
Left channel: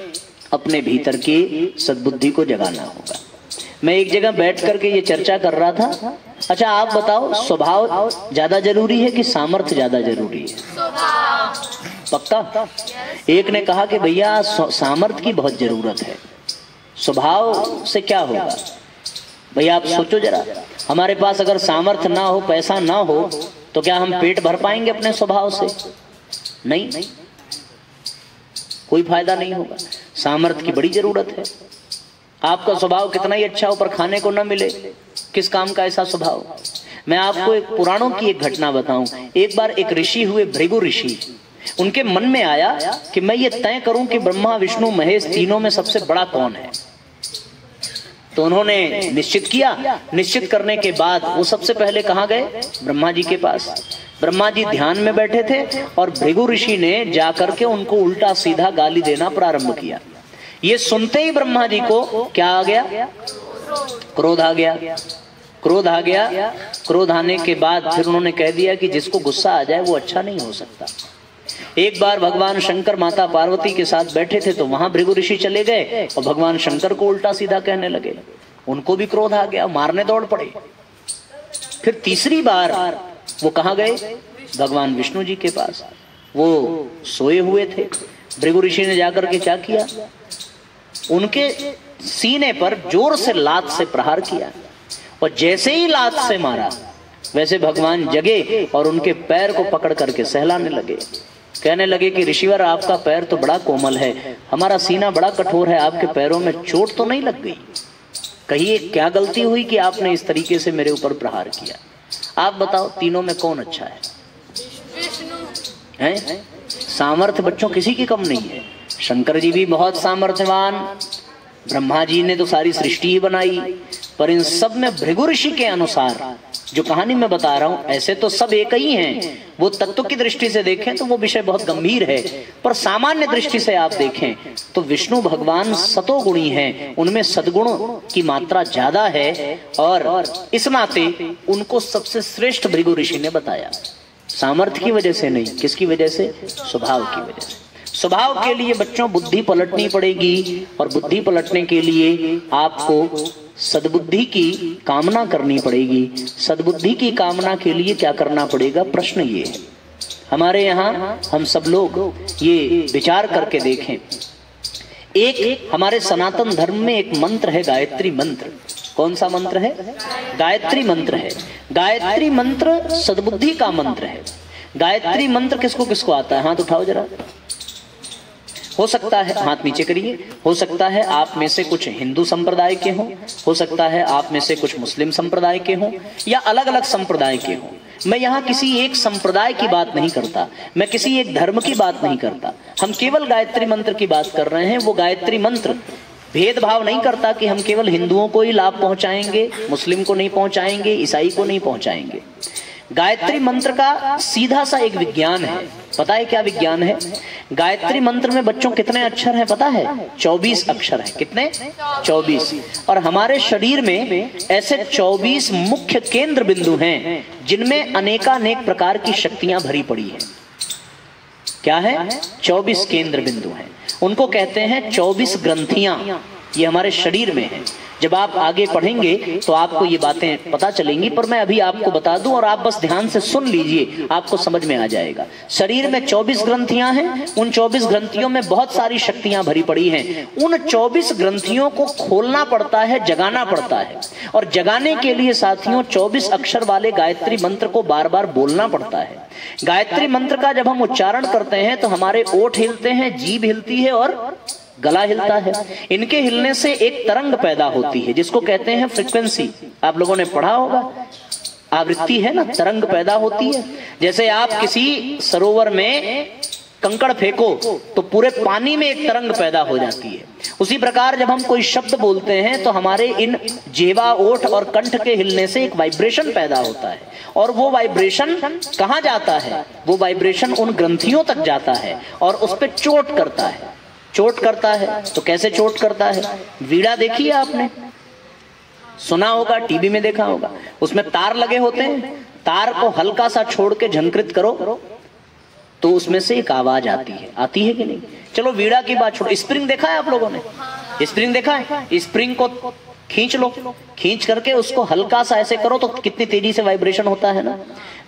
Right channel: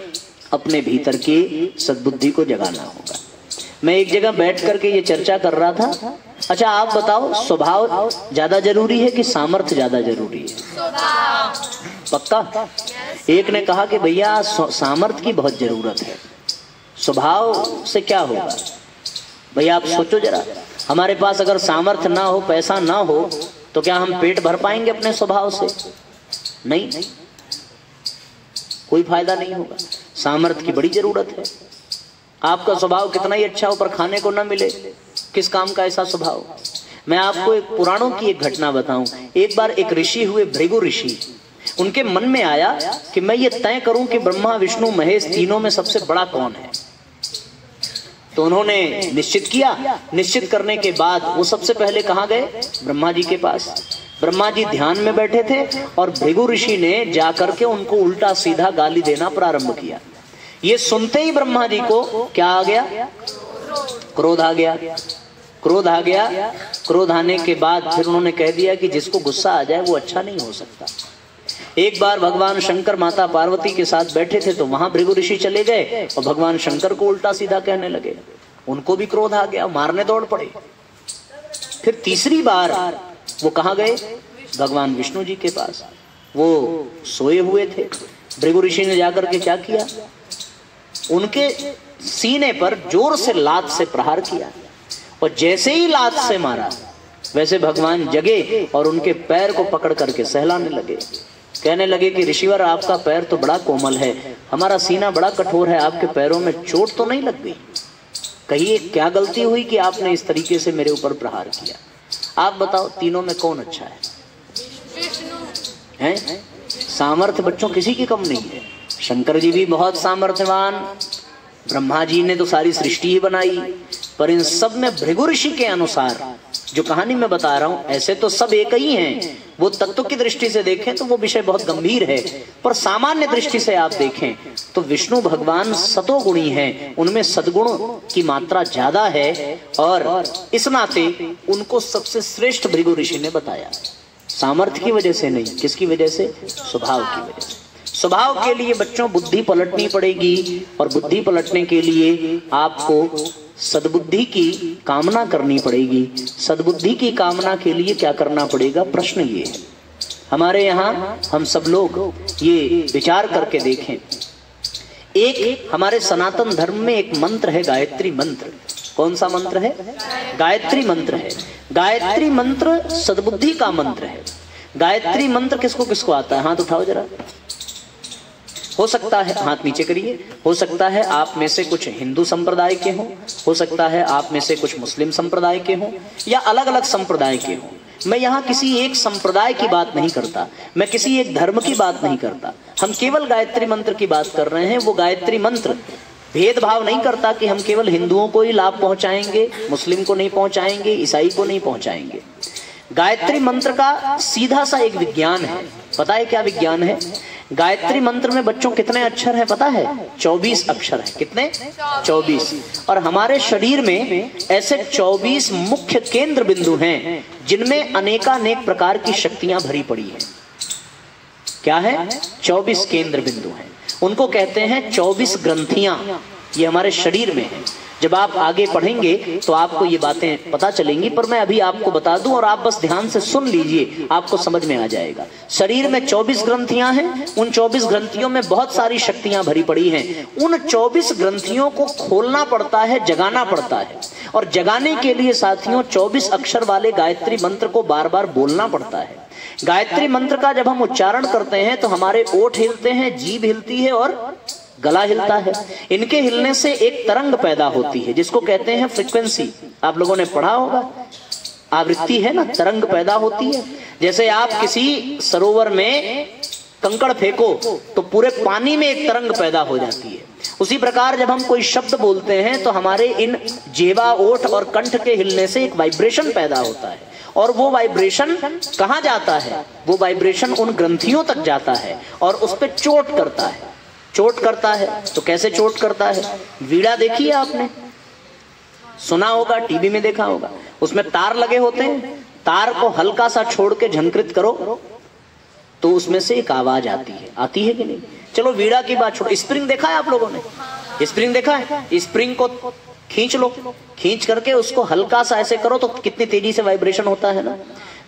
अपने भीतर की सद्बुद्धि को जगाना होगा। मैं एक जगह बैठ करके ये चर्चा कर रहा था, अच्छा आप बताओ, स्वभाव ज्यादा जरूरी है कि सामर्थ्य ज्यादा जरूरी है? पक्का? एक ने कहा कि भैया सामर्थ्य की बहुत जरूरत है, स्वभाव से क्या होगा? भैया आप सोचो जरा, हमारे पास अगर सामर्थ्य ना हो, पैसा ना हो, तो क्या हम पेट भर पाएंगे अपने स्वभाव से? नहीं, कोई फायदा नहीं होगा। सामर्थ्य की बड़ी जरूरत है। आपका स्वभाव कितना ही अच्छा हो पर खाने को न मिले, किस काम का ऐसा स्वभाव? मैं आपको एक पुराणों की एक घटना बताऊं। एक बार एक ऋषि हुए, भृगु ऋषि। उनके मन में आया कि मैं ये तय करूं कि ब्रह्मा विष्णु महेश तीनों में सबसे बड़ा कौन है। तो उन्होंने निश्चित किया। निश्चित करने के बाद वो सबसे पहले कहाँ गए? ब्रह्मा जी के पास। ब्रह्मा जी ध्यान में बैठे थे और भृगु ऋषि ने जाकर के उनको उल्टा सीधा गाली देना प्रारंभ किया। ये सुनते ही ब्रह्मा जी को क्या आ गया? क्रोध आ गया। क्रोध आ गया। क्रोध आने के बाद फिर उन्होंने कह दिया कि जिसको गुस्सा आ जाए वो अच्छा नहीं हो सकता। एक बार भगवान शंकर माता पार्वती के साथ बैठे थे तो वहां भृगु ऋषि चले गए और भगवान शंकर को उल्टा सीधा कहने लगे। उनको भी क्रोध आ गया, मारने दौड़ पड़े। फिर तीसरी बार वो कहाँ गए? भगवान विष्णु जी के पास। वो सोए हुए थे। भृगु ऋषि ने जाकर के क्या किया? उनके सीने पर जोर से लात से प्रहार किया और जैसे ही लात से मारा वैसे भगवान जगे और उनके पैर को पकड़ करके सहलाने लगे। कहने लगे कि ऋषिवर, आपका पैर तो बड़ा कोमल है, हमारा सीना बड़ा कठोर है, आपके पैरों में चोट तो नहीं लग गई? कहिए क्या गलती हुई कि आपने इस तरीके से मेरे ऊपर प्रहार किया? आप बताओ तीनों में कौन अच्छा है? हैं? सामर्थ्य बच्चों किसी की कम नहीं है। शंकर जी भी बहुत सामर्थ्यवान, ब्रह्मा जी ने तो सारी सृष्टि ही बनाई, पर इन सब में भृगु ऋषि के अनुसार जो कहानी मैं बता रहा हूं, ऐसे तो सब एक ही हैं। वो तत्व की दृष्टि से देखें तो वो विषय बहुत गंभीर है, पर सामान्य दृष्टि से आप देखें तो विष्णु भगवान सतोगुणी हैं, उनमें सद्गुण की मात्रा ज्यादा है और इस नाते उनको सबसे श्रेष्ठ भृगु ऋषि ने बताया। सामर्थ्य की वजह से नहीं, किसकी वजह से? स्वभाव की वजह से। स्वभाव के लिए बच्चों बुद्धि पलटनी पड़ेगी, और बुद्धि पलटने के लिए आपको सद्बुद्धि की कामना करनी पड़ेगी। सद्बुद्धि की कामना के लिए क्या करना पड़ेगा? प्रश्न ये है, हमारे यहाँ हम सब लोग ये विचार करके देखें। एक हमारे सनातन धर्म में एक मंत्र है, गायत्री मंत्र। कौन सा मंत्र है? गायत्री मंत्र है। गायत्री मंत्र सद्बुद्धि का मंत्र है। गायत्री मंत्र किसको किसको आता है? हाथ उठाओ जरा। हो सकता है, हाथ नीचे करिए, हो सकता है आप में से कुछ हिंदू संप्रदाय के हों, हो सकता है आप में से कुछ मुस्लिम संप्रदाय के हों, या अलग अलग संप्रदाय के हों। मैं यहाँ किसी एक संप्रदाय की बात नहीं करता, मैं किसी एक धर्म की बात नहीं करता, हम केवल गायत्री मंत्र की बात कर रहे हैं। वो गायत्री मंत्र भेदभाव नहीं करता कि हम केवल हिंदुओं को ही लाभ पहुंचाएंगे, मुस्लिम को नहीं पहुंचाएंगे, ईसाई को नहीं पहुंचाएंगे। गायत्री मंत्र का सीधा सा एक विज्ञान है। पता है क्या विज्ञान है? गायत्री मंत्र में बच्चों कितने अक्षर हैं पता है? 24 अक्षर हैं। कितने? 24। और हमारे शरीर में ऐसे 24 मुख्य केंद्र बिंदु हैं जिनमें अनेकानेक प्रकार की शक्तियां भरी पड़ी हैं। क्या है? 24 केंद्र बिंदु हैं। उनको कहते हैं 24 ग्रंथियां। ये हमारे शरीर में है। जब आप आगे पढ़ेंगे तो आपको ये बातें पता चलेंगी, पर मैं अभी आपको बता दूं और आप बस ध्यान से सुन लीजिए, आपको समझ में आ जाएगा। शरीर में 24 ग्रंथियां हैं। उन 24 ग्रंथियों में बहुत सारी शक्तियां भरी पड़ी हैं। उन 24 ग्रंथियों को खोलना पड़ता है, जगाना पड़ता है। और जगाने के लिए साथियों 24 अक्षर वाले गायत्री मंत्र को बार बार बोलना पड़ता है। गायत्री मंत्र का जब हम उच्चारण करते हैं तो हमारे ओठ हिलते हैं, जीभ हिलती है और गला हिलता है। इनके हिलने से एक तरंग पैदा होती है जिसको कहते हैं फ्रीक्वेंसी। आप लोगों ने पढ़ा होगा, आवृत्ति है ना, तरंग पैदा होती है। जैसे आप किसी सरोवर में कंकड़ फेंको तो पूरे पानी में एक तरंग पैदा हो जाती है। उसी प्रकार जब हम कोई शब्द बोलते हैं तो हमारे इन जेवा, ओठ और कंठ के हिलने से एक वाइब्रेशन पैदा होता है। और वो वाइब्रेशन कहाँ जाता है? वो वाइब्रेशन उन ग्रंथियों तक जाता है और उस पर चोट करता है। चोट करता है तो कैसे चोट करता है? वीणा देखी है आपने? सुना होगा, टीवी में देखा होगा। उसमें तार लगे होते हैं। तार को हल्का सा छोड़ के झंकृत करो तो उसमें से एक आवाज आती है। आती है कि नहीं? चलो वीणा की बात छोड़ो, स्प्रिंग देखा है आप लोगों ने? स्प्रिंग देखा है? स्प्रिंग को खींच लो, खींच करके उसको हल्का सा ऐसे करो तो कितनी तेजी से वाइब्रेशन होता है ना।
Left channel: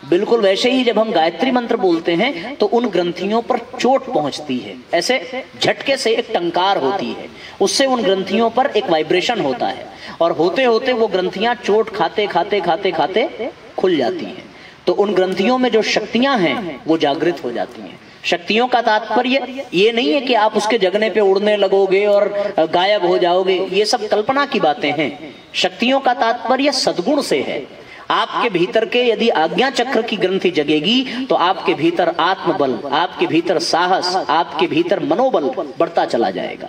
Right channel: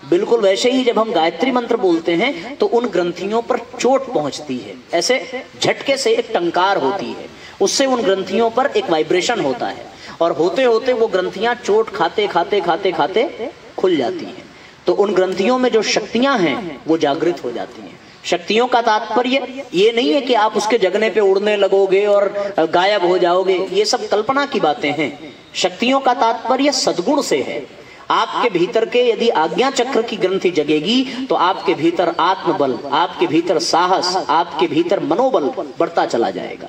बिल्कुल वैसे ही जब हम गायत्री मंत्र बोलते हैं तो उन ग्रंथियों पर चोट पहुंचती है। ऐसे झटके से एक टंकार होती है, उससे उन ग्रंथियों पर एक वाइब्रेशन होता है और होते होते वो ग्रंथियां चोट खाते खाते खाते खाते खुल जाती हैं। तो उन ग्रंथियों में जो शक्तियां हैं वो जागृत हो जाती हैं। शक्तियों का तात्पर्य ये नहीं है कि आप उसके जगने पे उड़ने लगोगे और गायब हो जाओगे, ये सब कल्पना की बातें हैं। शक्तियों का तात्पर्य सद्गुण से है। आपके भीतर के यदि आज्ञा चक्र की ग्रंथि जगेगी तो आपके भीतर आत्मबल, आपके भीतर साहस, आपके भीतर मनोबल बढ़ता चला जाएगा।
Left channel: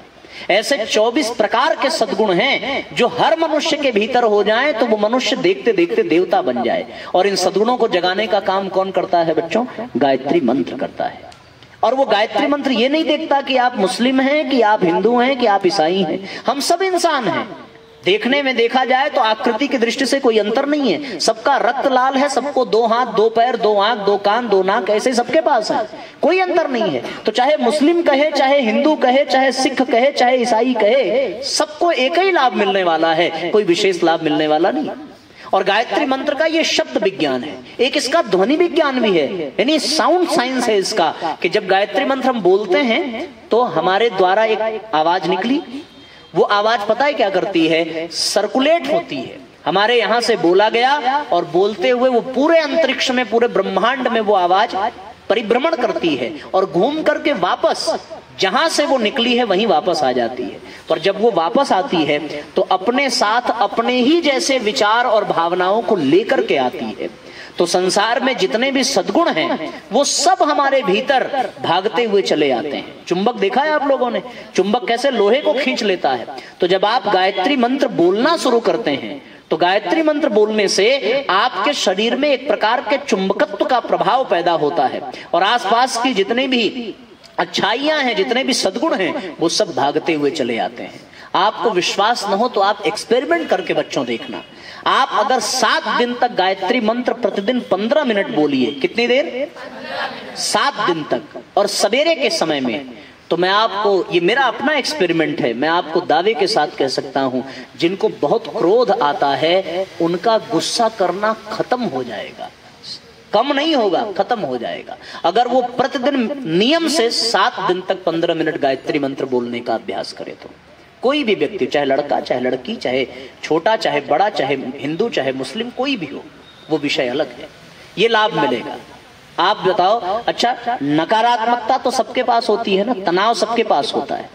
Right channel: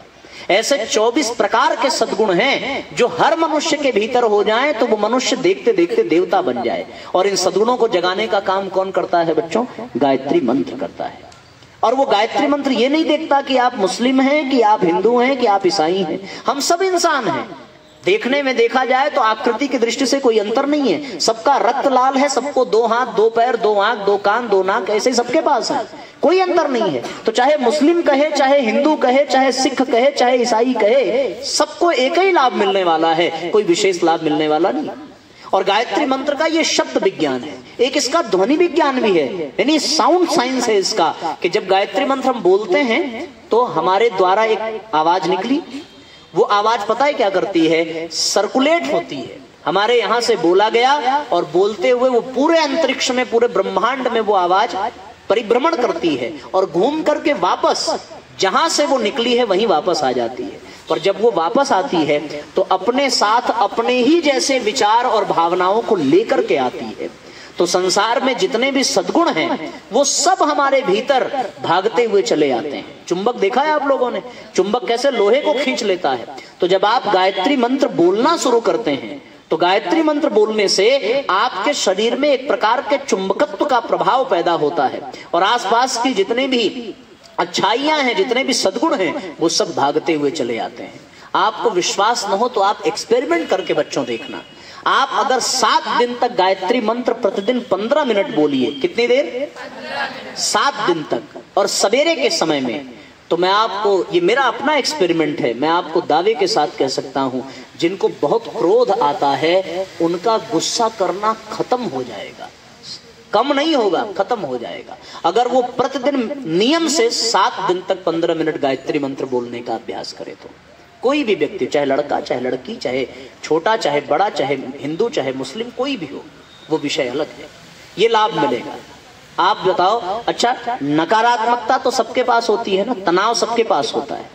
ऐसे 24 प्रकार के सद्गुण हैं जो हर मनुष्य के भीतर हो जाएं तो वो मनुष्य देखते देखते देवता बन जाए। और इन सद्गुणों को जगाने का काम कौन करता है बच्चों? गायत्री मंत्र करता है। और वो गायत्री मंत्र ये नहीं देखता कि आप मुस्लिम हैं, कि आप हिंदू हैं, कि आप ईसाई हैं। हम सब इंसान हैं। देखने में देखा जाए तो आकृति की दृष्टि से कोई अंतर नहीं है। सबका रक्त लाल है, सबको 2 हाथ, 2 पैर, 2 आंख, 2 कान, 2 नाक, ऐसे सबके पास है। कोई अंतर नहीं है। तो चाहे मुस्लिम कहे, चाहे हिंदू कहे, चाहे सिख कहे, चाहे ईसाई कहे, सबको एक ही लाभ मिलने वाला है, कोई विशेष लाभ मिलने वाला नहीं। और गायत्री मंत्र का ये शब्द विज्ञान है, एक इसका ध्वनि विज्ञान भी है, यानी साउंड साइंस है इसका, कि जब गायत्री मंत्र हम बोलते हैं तो हमारे द्वारा एक आवाज निकली। वो आवाज पता है क्या करती है? सर्कुलेट होती है। हमारे यहां से बोला गया और बोलते हुए वो पूरे अंतरिक्ष में, पूरे ब्रह्मांड में वो आवाज परिभ्रमण करती है और घूम करके वापस जहां से वो निकली है वहीं वापस आ जाती है। पर जब वो वापस आती है तो अपने साथ अपने ही जैसे विचार और भावनाओं को लेकर के आती है। तो संसार में जितने भी सद्गुण हैं वो सब हमारे भीतर भागते हुए चले आते हैं। चुंबक देखा है आप लोगों ने? चुंबक कैसे लोहे को खींच लेता है। तो जब आप गायत्री मंत्र बोलना शुरू करते हैं तो गायत्री मंत्र बोलने से आपके शरीर में एक प्रकार के चुंबकत्व का प्रभाव पैदा होता है और आसपास की जितने भी अच्छाइयां हैं, जितने भी सद्गुण हैं, वो सब भागते हुए चले आते हैं। आपको विश्वास न हो तो आप एक्सपेरिमेंट करके बच्चों देखना। आप अगर 7 दिन तक गायत्री मंत्र प्रतिदिन 15 मिनट बोलिए, कितनी देर? 7 दिन तक, और सवेरे के समय में तो मैं आपको, ये मेरा अपना एक्सपेरिमेंट है, मैं आपको दावे के साथ कह सकता हूं, जिनको बहुत क्रोध आता है उनका गुस्सा करना खत्म हो जाएगा, कम नहीं होगा, खत्म हो जाएगा, अगर वो प्रतिदिन नियम से 7 दिन तक 15 मिनट गायत्री मंत्र बोलने का अभ्यास करे। तो कोई भी व्यक्ति, चाहे लड़का चाहे लड़की, चाहे छोटा चाहे बड़ा, चाहे हिंदू चाहे मुस्लिम, कोई भी हो, वो विषय अलग है, ये लाभ मिलेगा। आप बताओ, अच्छा नकारात्मकता तो सबके पास होती है ना, तनाव सबके पास होता है,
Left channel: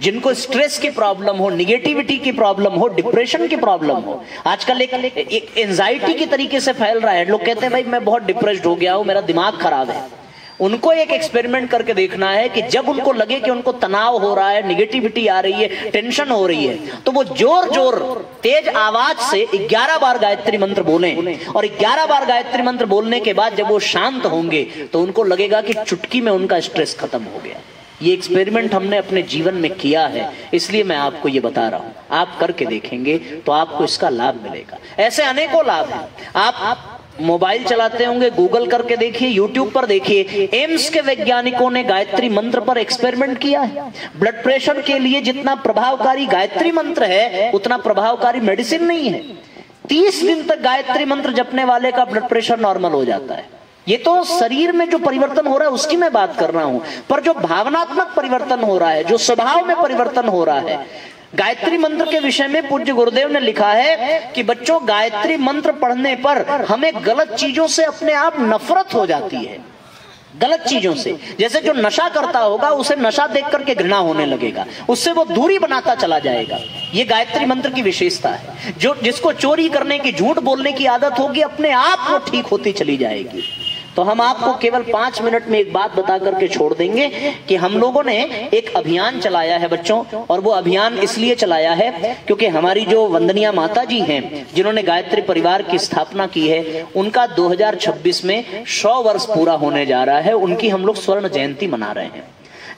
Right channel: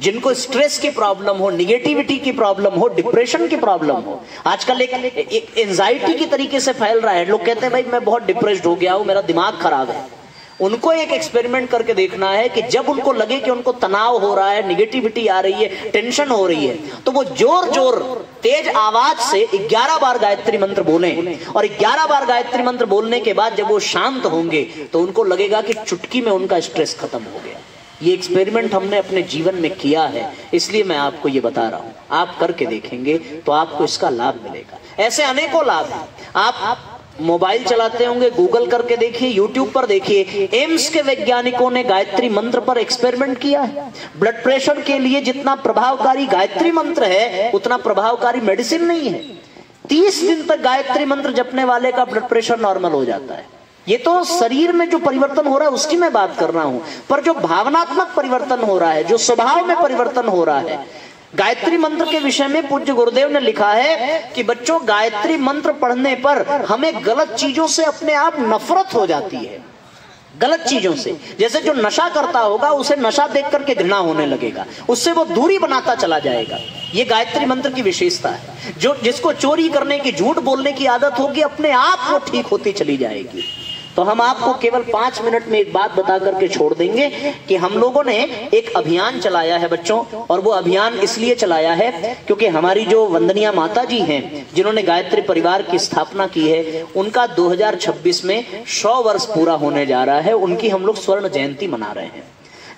जिनको स्ट्रेस की प्रॉब्लम हो, निगेटिविटी की प्रॉब्लम हो, डिप्रेशन की प्रॉब्लम हो, आजकल एक एंजाइटी की तरीके से फैल रहा है, लोग कहते हैं भाई मैं बहुत डिप्रेस्ड हो गया हूं, मेरा दिमाग खराब है। उनको एक एक्सपेरिमेंट करके देखना है कि जब उनको लगे कि उनको तनाव हो रहा है, निगेटिविटी आ रही है, टेंशन हो रही है, तो वो जोर जोर तेज आवाज से 11 बार गायत्री मंत्र बोलें, और 11 बार गायत्री मंत्र बोलने के बाद जब वो शांत होंगे तो उनको लगेगा कि चुटकी में उनका स्ट्रेस खत्म हो गया। ये एक्सपेरिमेंट हमने अपने जीवन में किया है, इसलिए मैं आपको ये बता रहा हूं, आप करके देखेंगे तो आपको इसका लाभ मिलेगा। ऐसे अनेकों लाभ हैं। आप मोबाइल चलाते होंगे, गूगल करके देखिए, यूट्यूब पर देखिए, एम्स के वैज्ञानिकों ने गायत्री मंत्र पर एक्सपेरिमेंट किया है। ब्लड प्रेशर के लिए जितना प्रभावकारी गायत्री मंत्र है उतना प्रभावकारी मेडिसिन नहीं है। 30 दिन तक गायत्री मंत्र जपने वाले का ब्लड प्रेशर नॉर्मल हो जाता है। ये तो शरीर में जो परिवर्तन हो रहा है उसकी मैं बात कर रहा हूं, पर जो भावनात्मक परिवर्तन हो रहा है, जो स्वभाव में परिवर्तन हो रहा है, गायत्री मंत्र के विषय में पूज्य गुरुदेव ने लिखा है कि बच्चों, गायत्री मंत्र पढ़ने पर हमें गलत चीजों से अपने आप नफरत हो जाती है, गलत चीजों से। जैसे जो नशा करता होगा उसे नशा देख करके घृणा होने लगेगा, उससे वो दूरी बनाता चला जाएगा। ये गायत्री मंत्र की विशेषता है। जो जिसको चोरी करने की, झूठ बोलने की आदत होगी, अपने आप वो ठीक होती चली जाएगी। तो हम आपको केवल 5 मिनट में एक बात बता करके छोड़ देंगे कि हम लोगों ने एक अभियान चलाया है बच्चों, और वो अभियान इसलिए चलाया है क्योंकि हमारी जो वंदनीय माता जी हैं, जिन्होंने गायत्री परिवार की स्थापना की है, उनका 2026 में 100 वर्ष पूरा होने जा रहा है। उनकी हम लोग स्वर्ण जयंती मना रहे हैं।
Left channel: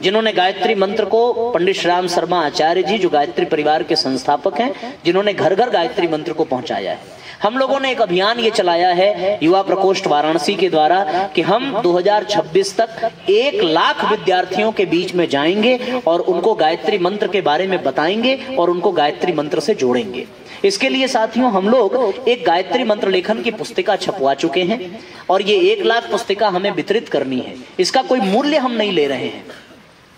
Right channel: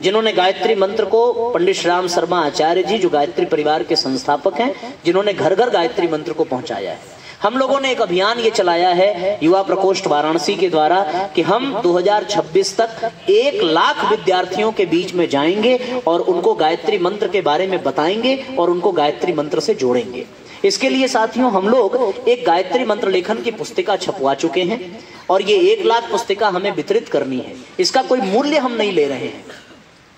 जिन्होंने गायत्री मंत्र को, पंडित श्री राम शर्मा आचार्य जी, जो गायत्री परिवार के संस्थापक हैं, जिन्होंने घर घर गायत्री मंत्र को पहुंचाया है। हम लोगों ने एक अभियान ये चलाया है युवा प्रकोष्ठ वाराणसी के द्वारा कि हम 2026 तक 1 लाख विद्यार्थियों के बीच में जाएंगे और उनको गायत्री मंत्र के बारे में बताएंगे और उनको गायत्री मंत्र से जोड़ेंगे। इसके लिए साथियों हम लोग एक गायत्री मंत्र लेखन की पुस्तिका छपवा चुके हैं और ये 1 लाख पुस्तिका हमें वितरित करनी है। इसका कोई मूल्य हम नहीं ले रहे हैं,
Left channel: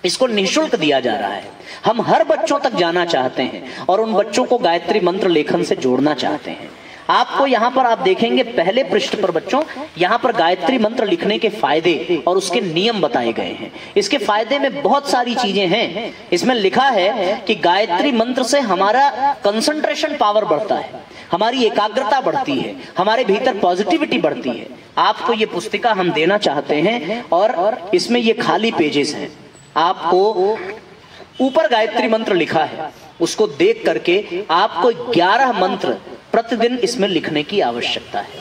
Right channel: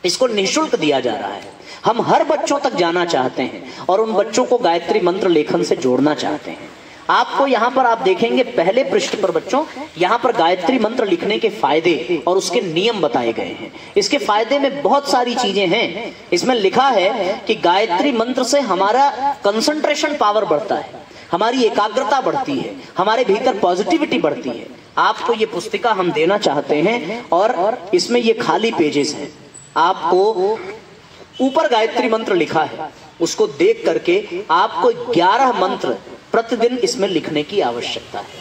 इसको निःशुल्क दिया जा रहा है। हम हर बच्चों तक जाना चाहते हैं और उन बच्चों को गायत्री मंत्र लेखन से जोड़ना चाहते हैं। आपको यहाँ पर आप देखेंगे पहले पृष्ठ पर बच्चों, यहाँ पर गायत्री मंत्र लिखने के फायदे और उसके नियम बताए गए हैं। इसके फायदे में बहुत सारी चीजें हैं। इसमें लिखा है कि गायत्री मंत्र से हमारा कंसंट्रेशन पावर बढ़ता है, हमारी एकाग्रता बढ़ती है, हमारे भीतर पॉजिटिविटी बढ़ती है। आपको ये पुस्तिका हम देना चाहते हैं और इसमें ये खाली पेजेस हैं। आपको ऊपर गायत्री मंत्र लिखा है, उसको देख करके आपको 11 मंत्र प्रतिदिन इसमें लिखने की आवश्यकता है।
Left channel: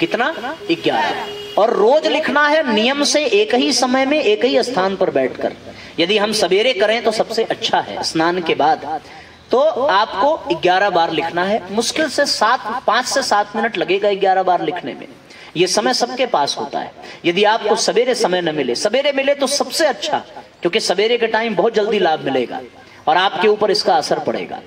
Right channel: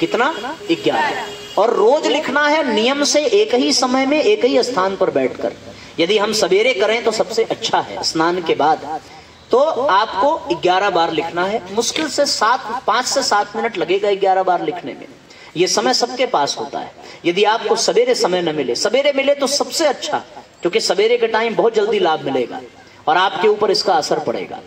कितना? 11। और रोज लिखना है नियम से, एक ही समय में एक ही स्थान पर बैठकर। यदि हम सवेरे करें तो सबसे अच्छा है, स्नान के बाद। तो आपको 11 बार लिखना है। मुश्किल से 5 से 7 मिनट लगेगा 11 बार लिखने में। ये समय सबके पास होता है। यदि आपको सवेरे समय न मिले, सवेरे मिले तो सबसे अच्छा, क्योंकि सवेरे के टाइम बहुत जल्दी लाभ मिलेगा और आपके ऊपर इसका असर पड़ेगा।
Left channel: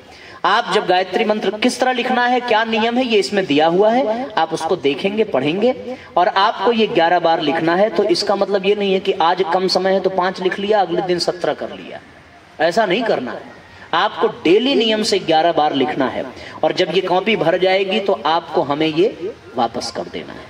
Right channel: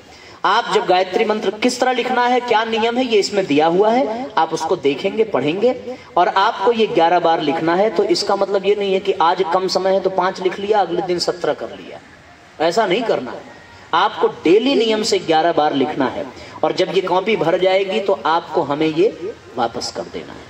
आप जब गायत्री मंत्र किस तरह लिखना है, क्या नियम है, ये इसमें दिया हुआ है। आप उसको देखेंगे, पढ़ेंगे और आपको ये 11 बार लिखना है। तो इसका मतलब ये नहीं है कि आज कम समय है तो 5 लिख लिया, अगले दिन 17 कर लिया। ऐसा नहीं करना है। आपको डेली नियम से 11 बार लिखना है और जब ये कॉपी भर जाएगी तो आपको हमें ये वापस कर देना है।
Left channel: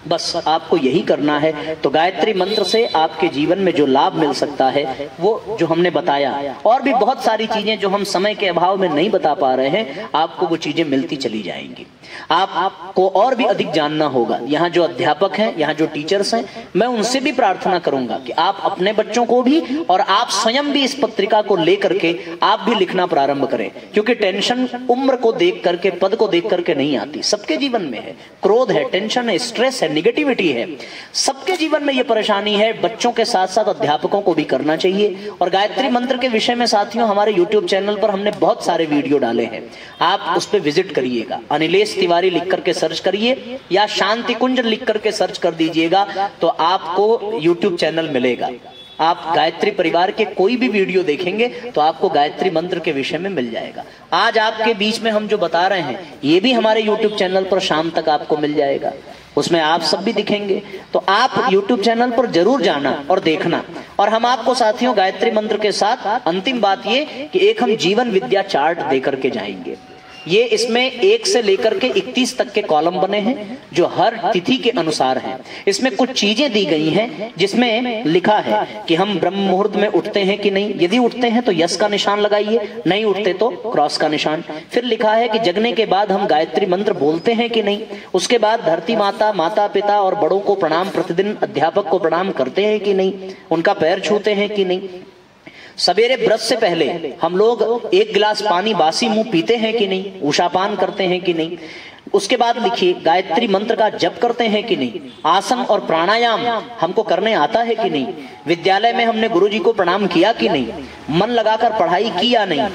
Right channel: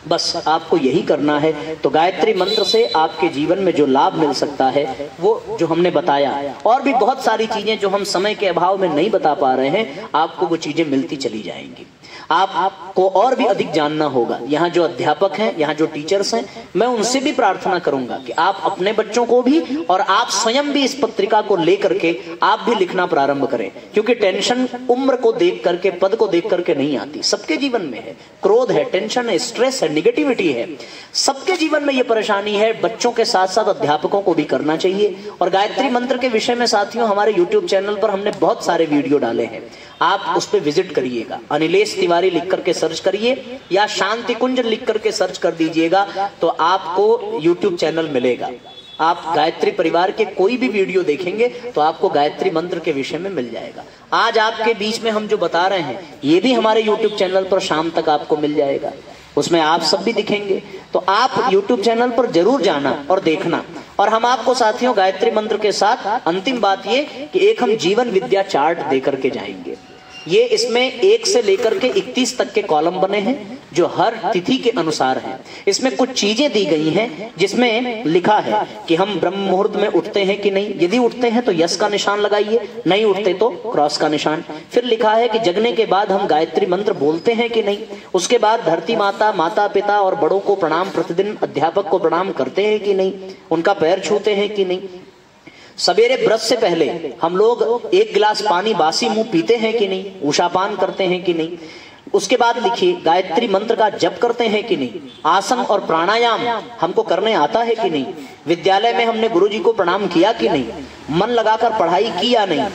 बस आपको यही करना है। तो गायत्री मंत्र से आपके जीवन में जो लाभ मिल सकता है वो जो हमने बताया, और भी बहुत सारी चीजें जो हम समय के अभाव में नहीं बता पा रहे हैं, आपको वो चीजें मिलती चली जाएंगी। आपको और भी अधिक जानना होगा। यहाँ जो अध्यापक हैं, यहाँ जो टीचर्स हैं, मैं उनसे भी प्रार्थना करूंगा कि आप अपने बच्चों को भी और आप स्वयं भी इस पत्रिका को लेकर के आप भी लिखना प्रारंभ करें, क्योंकि टेंशन उम्र को देख करके, पद को देख करके नहीं आती। सबके जीवन में है, क्रोध है, टेंशन है, स्ट्रेस है, निगेटिविटी है, सबके जीवन में ये परेशानी है। बच्चों के साथ साथ अध्यापकों को भी करना चाहिए। और गायत्री मंत्र के विषय में साथियों हमारे YouTube चैनल पर हमने बहुत सारे वीडियो डाले हैं, आप उस पर विजिट करिएगा। अनिलेश तिवारी लिख करके सर्च करिए या शांति कुंज लिख करके सर्च कर दीजिएगा तो आपको YouTube चैनल मिलेगा। आप गायत्री परिवार के कोई भी वीडियो देखेंगे तो आपको गायत्री मंत्र के विषय में मिल जाएगा। आज आपके बीच में हम जो बता रहे हैं ये भी हमारे YouTube चैनल पर शाम तक आपको मिल जाएगा, उसमें आप सब भी दिखेंगे। तो आप YouTube चैनल पर जरूर जाना और देखना। और हम आपको साथियों गायत्री मंत्र के साथ अंतिम बात ये कि एक हम जीवन विद्या चार्ट देकर के जाएंगे। ये इसमें 1 से लेकर के 31 तक के कॉलम बने हैं जो हर तिथि के अनुसार हैं। इसमें कुछ चीजें दी गई हैं जिसमें लिखा है कि हम ब्रह्म मुहूर्त में उठते हैं कि नहीं, यदि उठते हैं तो यस का निशान लगाइए, नहीं उठते तो क्रॉस का निशान। फिर लिखा है कि जगने के बाद हम गायत्री मंत्र बोलते हैं कि नहीं, उसके बाद धरती माता, माता पिता और बड़ों को प्रणाम, प्रतिदिन अध्यापक को प्रणाम करते हैं कि नहीं, उनका पैर छूते हैं कि नहीं, सवेरे ब्रश से पहले हम लोग 1 गिलास पानी बासी मुंह पीते हैं कि नहीं, उषापान करते हैं कि नहीं। उसके बाद लिखिए गायत्री मंत्र का जप करते हैं कि नहीं, आसन और प्राणायाम हमको करने आता है कि नहीं, विद्यालय में हमने गुरुजी को प्रणाम किया कि नहीं, मन लगाकर पढ़ाई की या नहीं,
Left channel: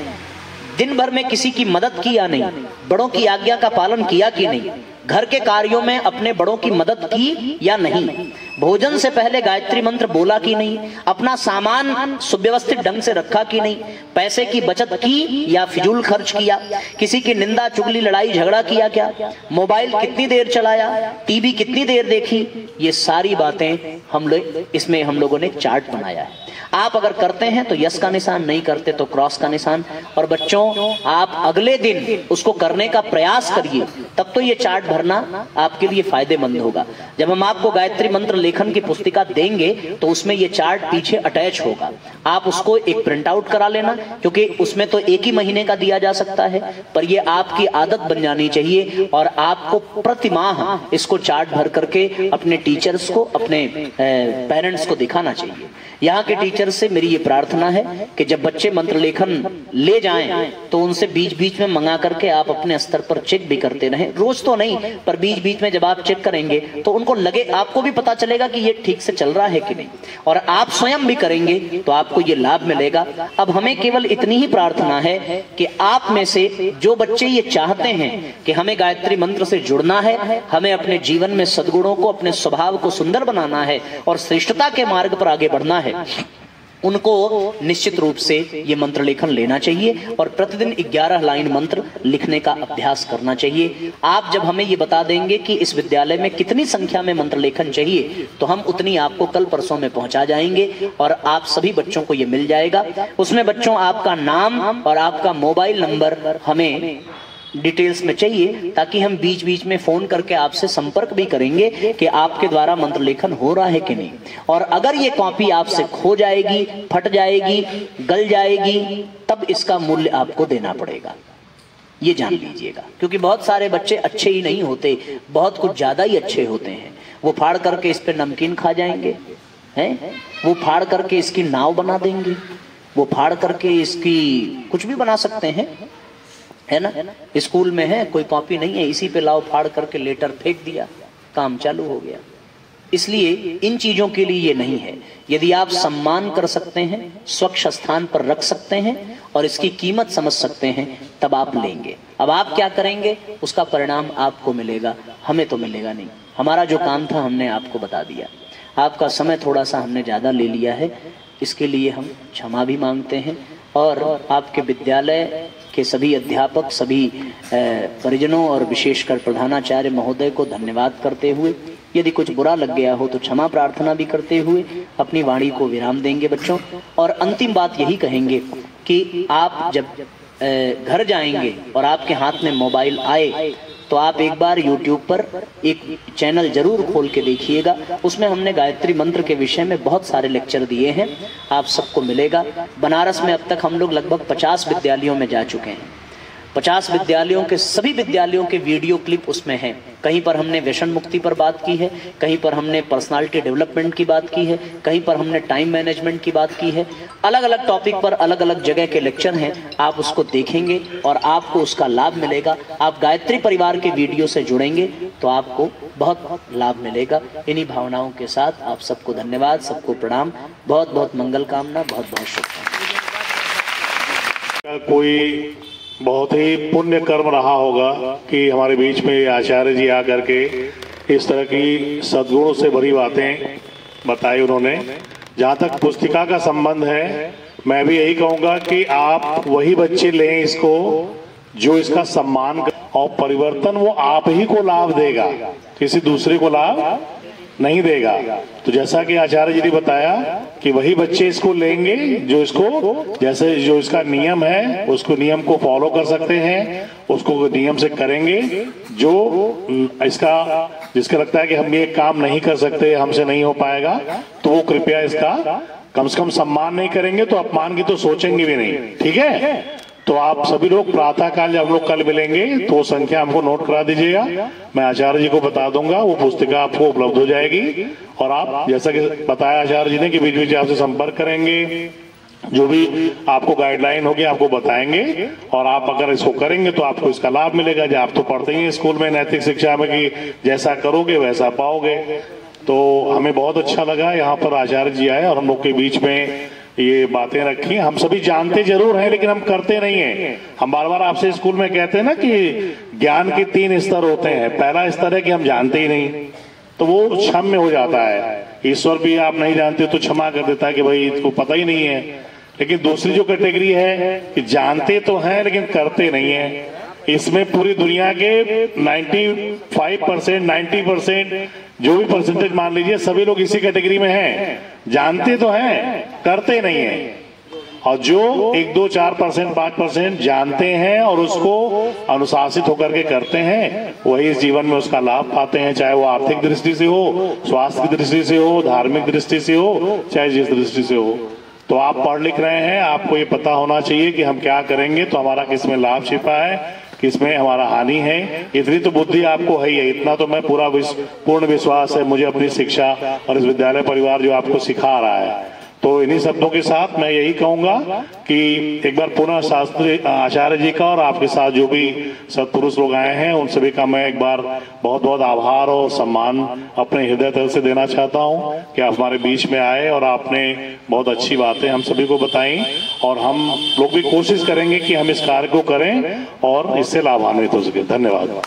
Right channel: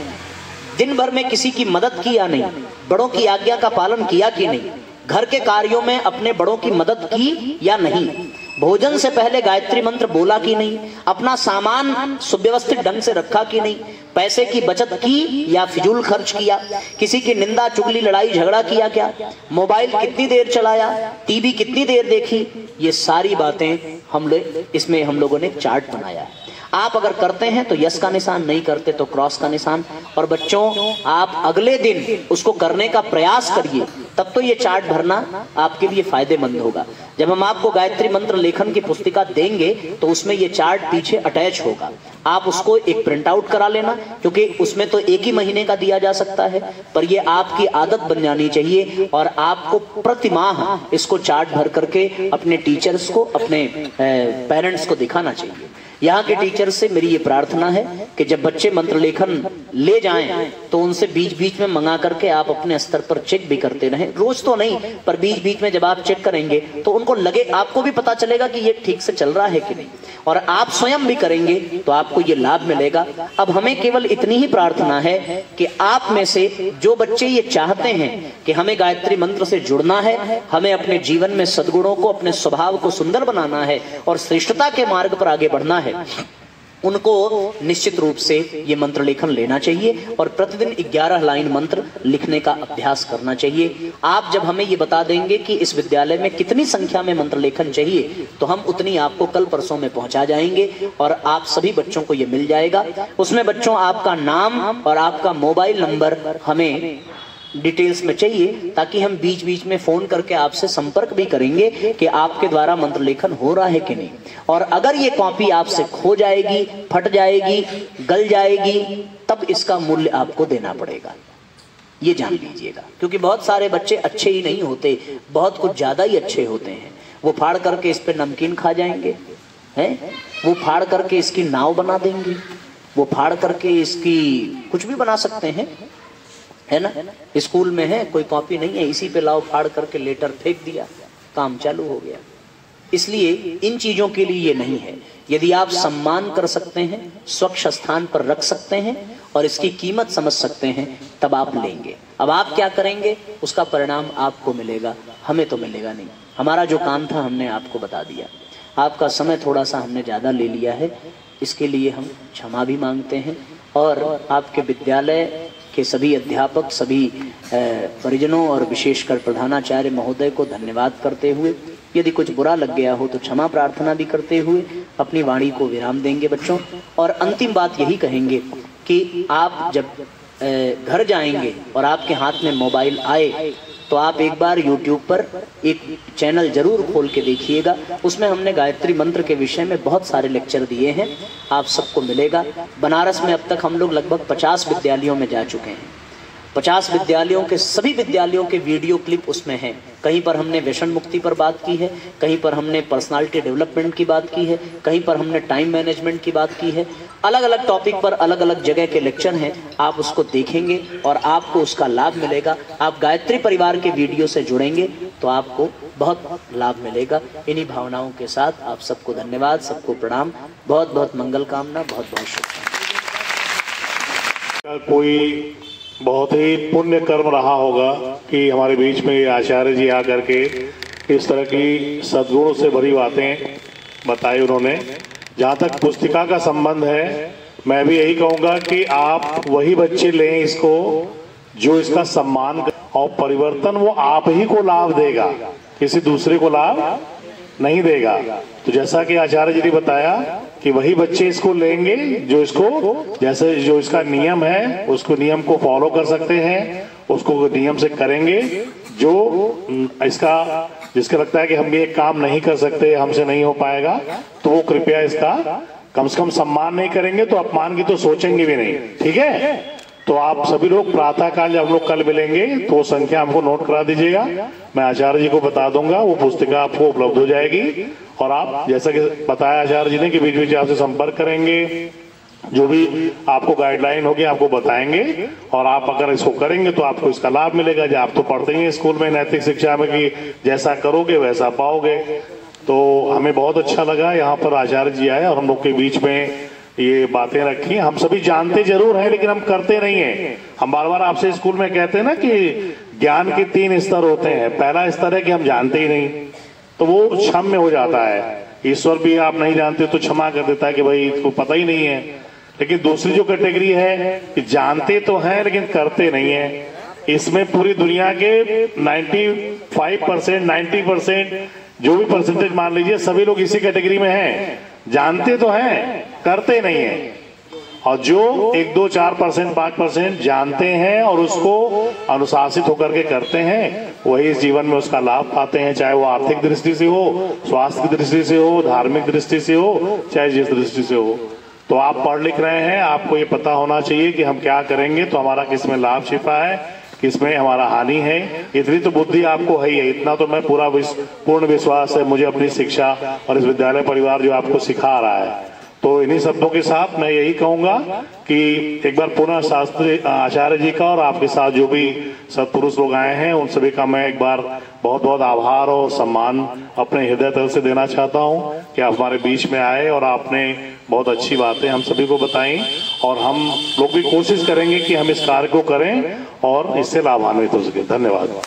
दिन भर में किसी की मदद की या नहीं, बड़ों की आज्ञा का पालन किया कि नहीं, घर के कार्यों में अपने बड़ों की मदद की या नहीं, भोजन से पहले गायत्री मंत्र बोला कि नहीं, अपना सामान सुव्यवस्थित ढंग से रखा कि नहीं, पैसे की बचत की या फिजूल खर्च किया, किसी की निंदा चुगली लड़ाई झगड़ा किया क्या, मोबाइल कितनी देर चलाया, टीवी कितनी देर देखी। ये सारी बातें इसमें हम लोगों ने चार्ट बनाया है। आप अगर करते हैं तो यस का निशान, नहीं करते तो क्रॉस का निशान। और बच्चों आप अगले दिन उसको करने का प्रयास करिए, तब तो ये चार्ट भरना आपके लिए फायदेमंद होगा। जब हम आपको गायत्री मंत्र लेखन की पुस्तिका देंगे तो उसमें ये चार्ट पीछे अटैच होगा, आप उसको एक प्रिंट आउट करा लेना, क्योंकि उसमें तो 1 ही महीने का दिया जा सकता है, पर ये आपकी आदत बन जानी चाहिए और आपको प्रति माह इसको चार्ट भर करके अपने टीचर्स को, अपने पेरेंट्स को दिखाना चाहिए। यहाँ के टीचर से मेरी ये प्रार्थना है कि जब बच्चे मंत्र लेखन ले जाएं तो उनसे बीच बीच में मंगा करके आप अपने स्तर पर चेक भी करते रहें, रोज तो नहीं पर बीच बीच में जब आप चेक करेंगे तो उनको लगे, आपको भी पता चलेगा कि ये ठीक से चल रहा है कि नहीं, और आप स्वयं भी करेंगे तो आपको ये लाभ मिलेगा। अब हमें केवल इतनी ही प्रार्थना है कि आप में से जो बच्चे ये चाहते हैं कि हमें गायत्री मंत्र से जुड़ना है, हमें अपने जीवन में सद्गुणों को, अपने स्वभाव को सुंदर बनाना है और श्रेष्ठता के मार्ग पर आगे बढ़ना है, उनको निश्चित रूप से ये मंत्र लेखन लेना चाहिए और प्रतिदिन 11 लाइन मंत्र लिखने का अभ्यास करना चाहिए। आप जब हमें ये बता देंगे कि इस विद्यालय में कितनी संख्या में मंत्र लेखन चाहिए तो हम उतनी आपको कल परसों में पहुंचा जाएंगे और आप सभी बच्चों को ये मिल जाएगा। उसमें बच्चों आपका नाम और आपका मोबाइल नंबर हमें डिटेल्स में चाहिए, ताकि हम बीच बीच में फोन करके आपसे संपर्क भी करेंगे कि आपके द्वारा मंत्र लेखन हो रहा है कि नहीं। और अगर ये कॉपी आपसे खो जाएगी, फट जाएगी, गल जाएगी, तब इसका मूल्य आपको देना पड़ेगा, ये जान लीजिएगा। क्योंकि बहुत सारे बच्चे अच्छे ही नहीं होते, बहुत कुछ ज्यादा ही अच्छे होते हैं। वो फाड़ करके इस पे नमकीन खा जाएंगे, हैं? वो फाड़ करके इसकी नाव बना देंगे, वो फाड़ करके इसकी कुछ भी बना सकते हैं, है ना। स्कूल में है कोई कॉपी नहीं है, इसी पे लाओ फाड़ करके लेटर फेंक दिया, काम चालू हो गया। इसलिए इन चीजों के लिए ये नहीं है। यदि आप सम्मान कर सकते हैं, स्वच्छ स्थान पर रख सकते हैं और इसकी कीमत समझ सकते हैं, तब आप लेंगे। अब आप क्या करेंगे उसका परिणाम आपको मिलेगा, हमें तो मिलेगा नहीं। हमारा जो काम था हमने आपको बता दिया, आपका समय थोड़ा सा हमने ज्यादा ले लिया है, इसके लिए हम क्षमा भी मांगते हैं। और आपके विद्यालय के सभी अध्यापक, सभी परिजनों और विशेषकर प्रधानाचार्य महोदय को धन्यवाद करते हुए, यदि कुछ बुरा लग गया हो तो क्षमा प्रार्थना भी करते हुए अपनी वाणी को विराम देंगे बच्चों। और अंतिम बात यही कहेंगे कि आप जब घर जाएंगे और आपके हाथ में मोबाइल आए तो आप एक बार YouTube पर एक चैनल जरूर खोल के देखिएगा। उसमें हमने गायत्री मंत्र के विषय में बहुत सारे लेक्चर दिए हैं, आप सबको मिलेगा। बनारस में अब तक हम लोग लगभग 50 विद्यालयों में जा चुके हैं। 50 विद्यालयों के सभी विद्यालयों के वीडियो क्लिप उसमें हैं। कहीं पर हमने व्यसन मुक्ति पर बात की है, कहीं पर हमने पर्सनालिटी डेवलपमेंट की बात की है, कहीं पर हमने टाइम मैनेजमेंट की बात की है। अलग अलग टॉपिक पर अलग अलग जगह के लेक्चर हैं, आप उसको देखेंगे और आपको उसका लाभ मिलेगा। आप गायत्री परिवार के वीडियो से जुड़ेंगे तो आपको बहुत लाभ मिलेगा। इन्हीं भावनाओं के साथ आप सबको धन्यवाद, सबको प्रणाम, बहुत बहुत मंगल कामना, बहुत बहुत शुभकामनाएं। कोई बहुत ही पुण्य कर्म रहा होगा कि हमारे बीच में आचार्य जी आकर के इस तरह की सद्गुणों से भरी बातें बताई उन्होंने। जहाँ तक पुस्तिका का संबंध है, मैं भी यही कहूंगा कि आप वही बच्चे लें इसको जो इसका सम्मान और परिवर्तन वो आप ही को लाभ देगा, किसी दूसरे को लाभ नहीं देगा। तो जैसा कि आचार्य जी ने बताया कि वही बच्चे इसको लेंगे जो इसको, जैसे जो इसका नियम है उसको नियम को फॉलो कर सकते हैं, उसको नियम से करेंगे। जो इसका जिसका लगता है कि हम ये काम नहीं कर सकते, हमसे नहीं हो पाएगा, तो वो कृपया इसका कम से कम सम्मान नहीं करेंगे तो अपमान की तो सोचेंगे भी नहीं। ठीक है, तो आप सभी लोग प्रातः काल जब हम लोग कल मिलेंगे तो वो संख्या हमको नोट करा दीजिएगा, मैं आचार्य जी को बता दूंगा, वो पुस्तिका आपको उपलब्ध हो जाएगी। और आप जैसा कि बताया आचार्य जी ने कि बीच बीच आपसे संपर्क करेंगे, जो भी आपको गाइडलाइन होगी आपको बताएंगे, और आप अगर इसको करेंगे तो आपको इसका लाभ मिलेगा। जो आप तो पढ़ते ही स्कूल में नैतिक शिक्षा में कि जैसा करोगे वैसा पाओगे। तो हमें बहुत अच्छा लगा यहाँ पर आचार्य जी आए और हम लोग के बीच में ये बातें रखी। हम सभी जानते जरूर हैं लेकिन हम करते नहीं हैं। हम बार बार आपसे स्कूल में कहते हैं ना कि ज्ञान के 3 स्तर होते हैं। पहला स्तर है कि हम जानते ही नहीं, तो वो क्षम्य हो जाता है। ईश्वर भी आप नहीं जानते तो क्षमा कर देता है कि भाई इसको पता ही नहीं है। लेकिन दूसरी जो कैटेगरी है कि जानते तो हैं लेकिन करते नहीं है, इसमें पूरी दुनिया के 95%, 90% जो भी परसेंटेज मान लीजिए सभी लोग इसी कैटेगरी में हैं। जानते तो हैं, करते नहीं है। और जो 1, 2, 4%, 5% जानते हैं और उसको अनुशासित होकर के करते हैं, वही इस जीवन में उसका लाभ पाते हैं, चाहे वो आर्थिक दृष्टि से हो, स्वास्थ्य की दृष्टि से हो, धार्मिक दृष्टि से हो, चाहे जिस दृष्टि से हो। तो आप पढ़ लिख रहे हैं, आपको ये पता होना चाहिए कि हम क्या करेंगे तो हमारा किसमें लाभ छिपा है, किसमें हमारा हानि है। इतनी तो बुद्धि आपको है ही है, इतना तो मैं पूर्ण विश्वास है मुझे अपनी शिक्षा और इस विद्यालय परिवार जो आपको सिखा रहा है। तो इन्हीं शब्दों के साथ मैं यही कहूंगा कि एक बार पुनः शास्त्री आचार्य जी का और आपके साथ जो भी सत्पुरुष लोग आए हैं उन सभी का मैं एक बार बहुत बहुत आभार और सम्मान अपने हृदय तल से देना चाहता हूं कि आप हमारे बीच में आए और आपने बहुत अच्छी बातें हम सभी को बताई। और हम लोग भी कोशिश करेंगे कि हम इस कार्य को करें और इससे लाभान्वित हो सके। धन्यवाद।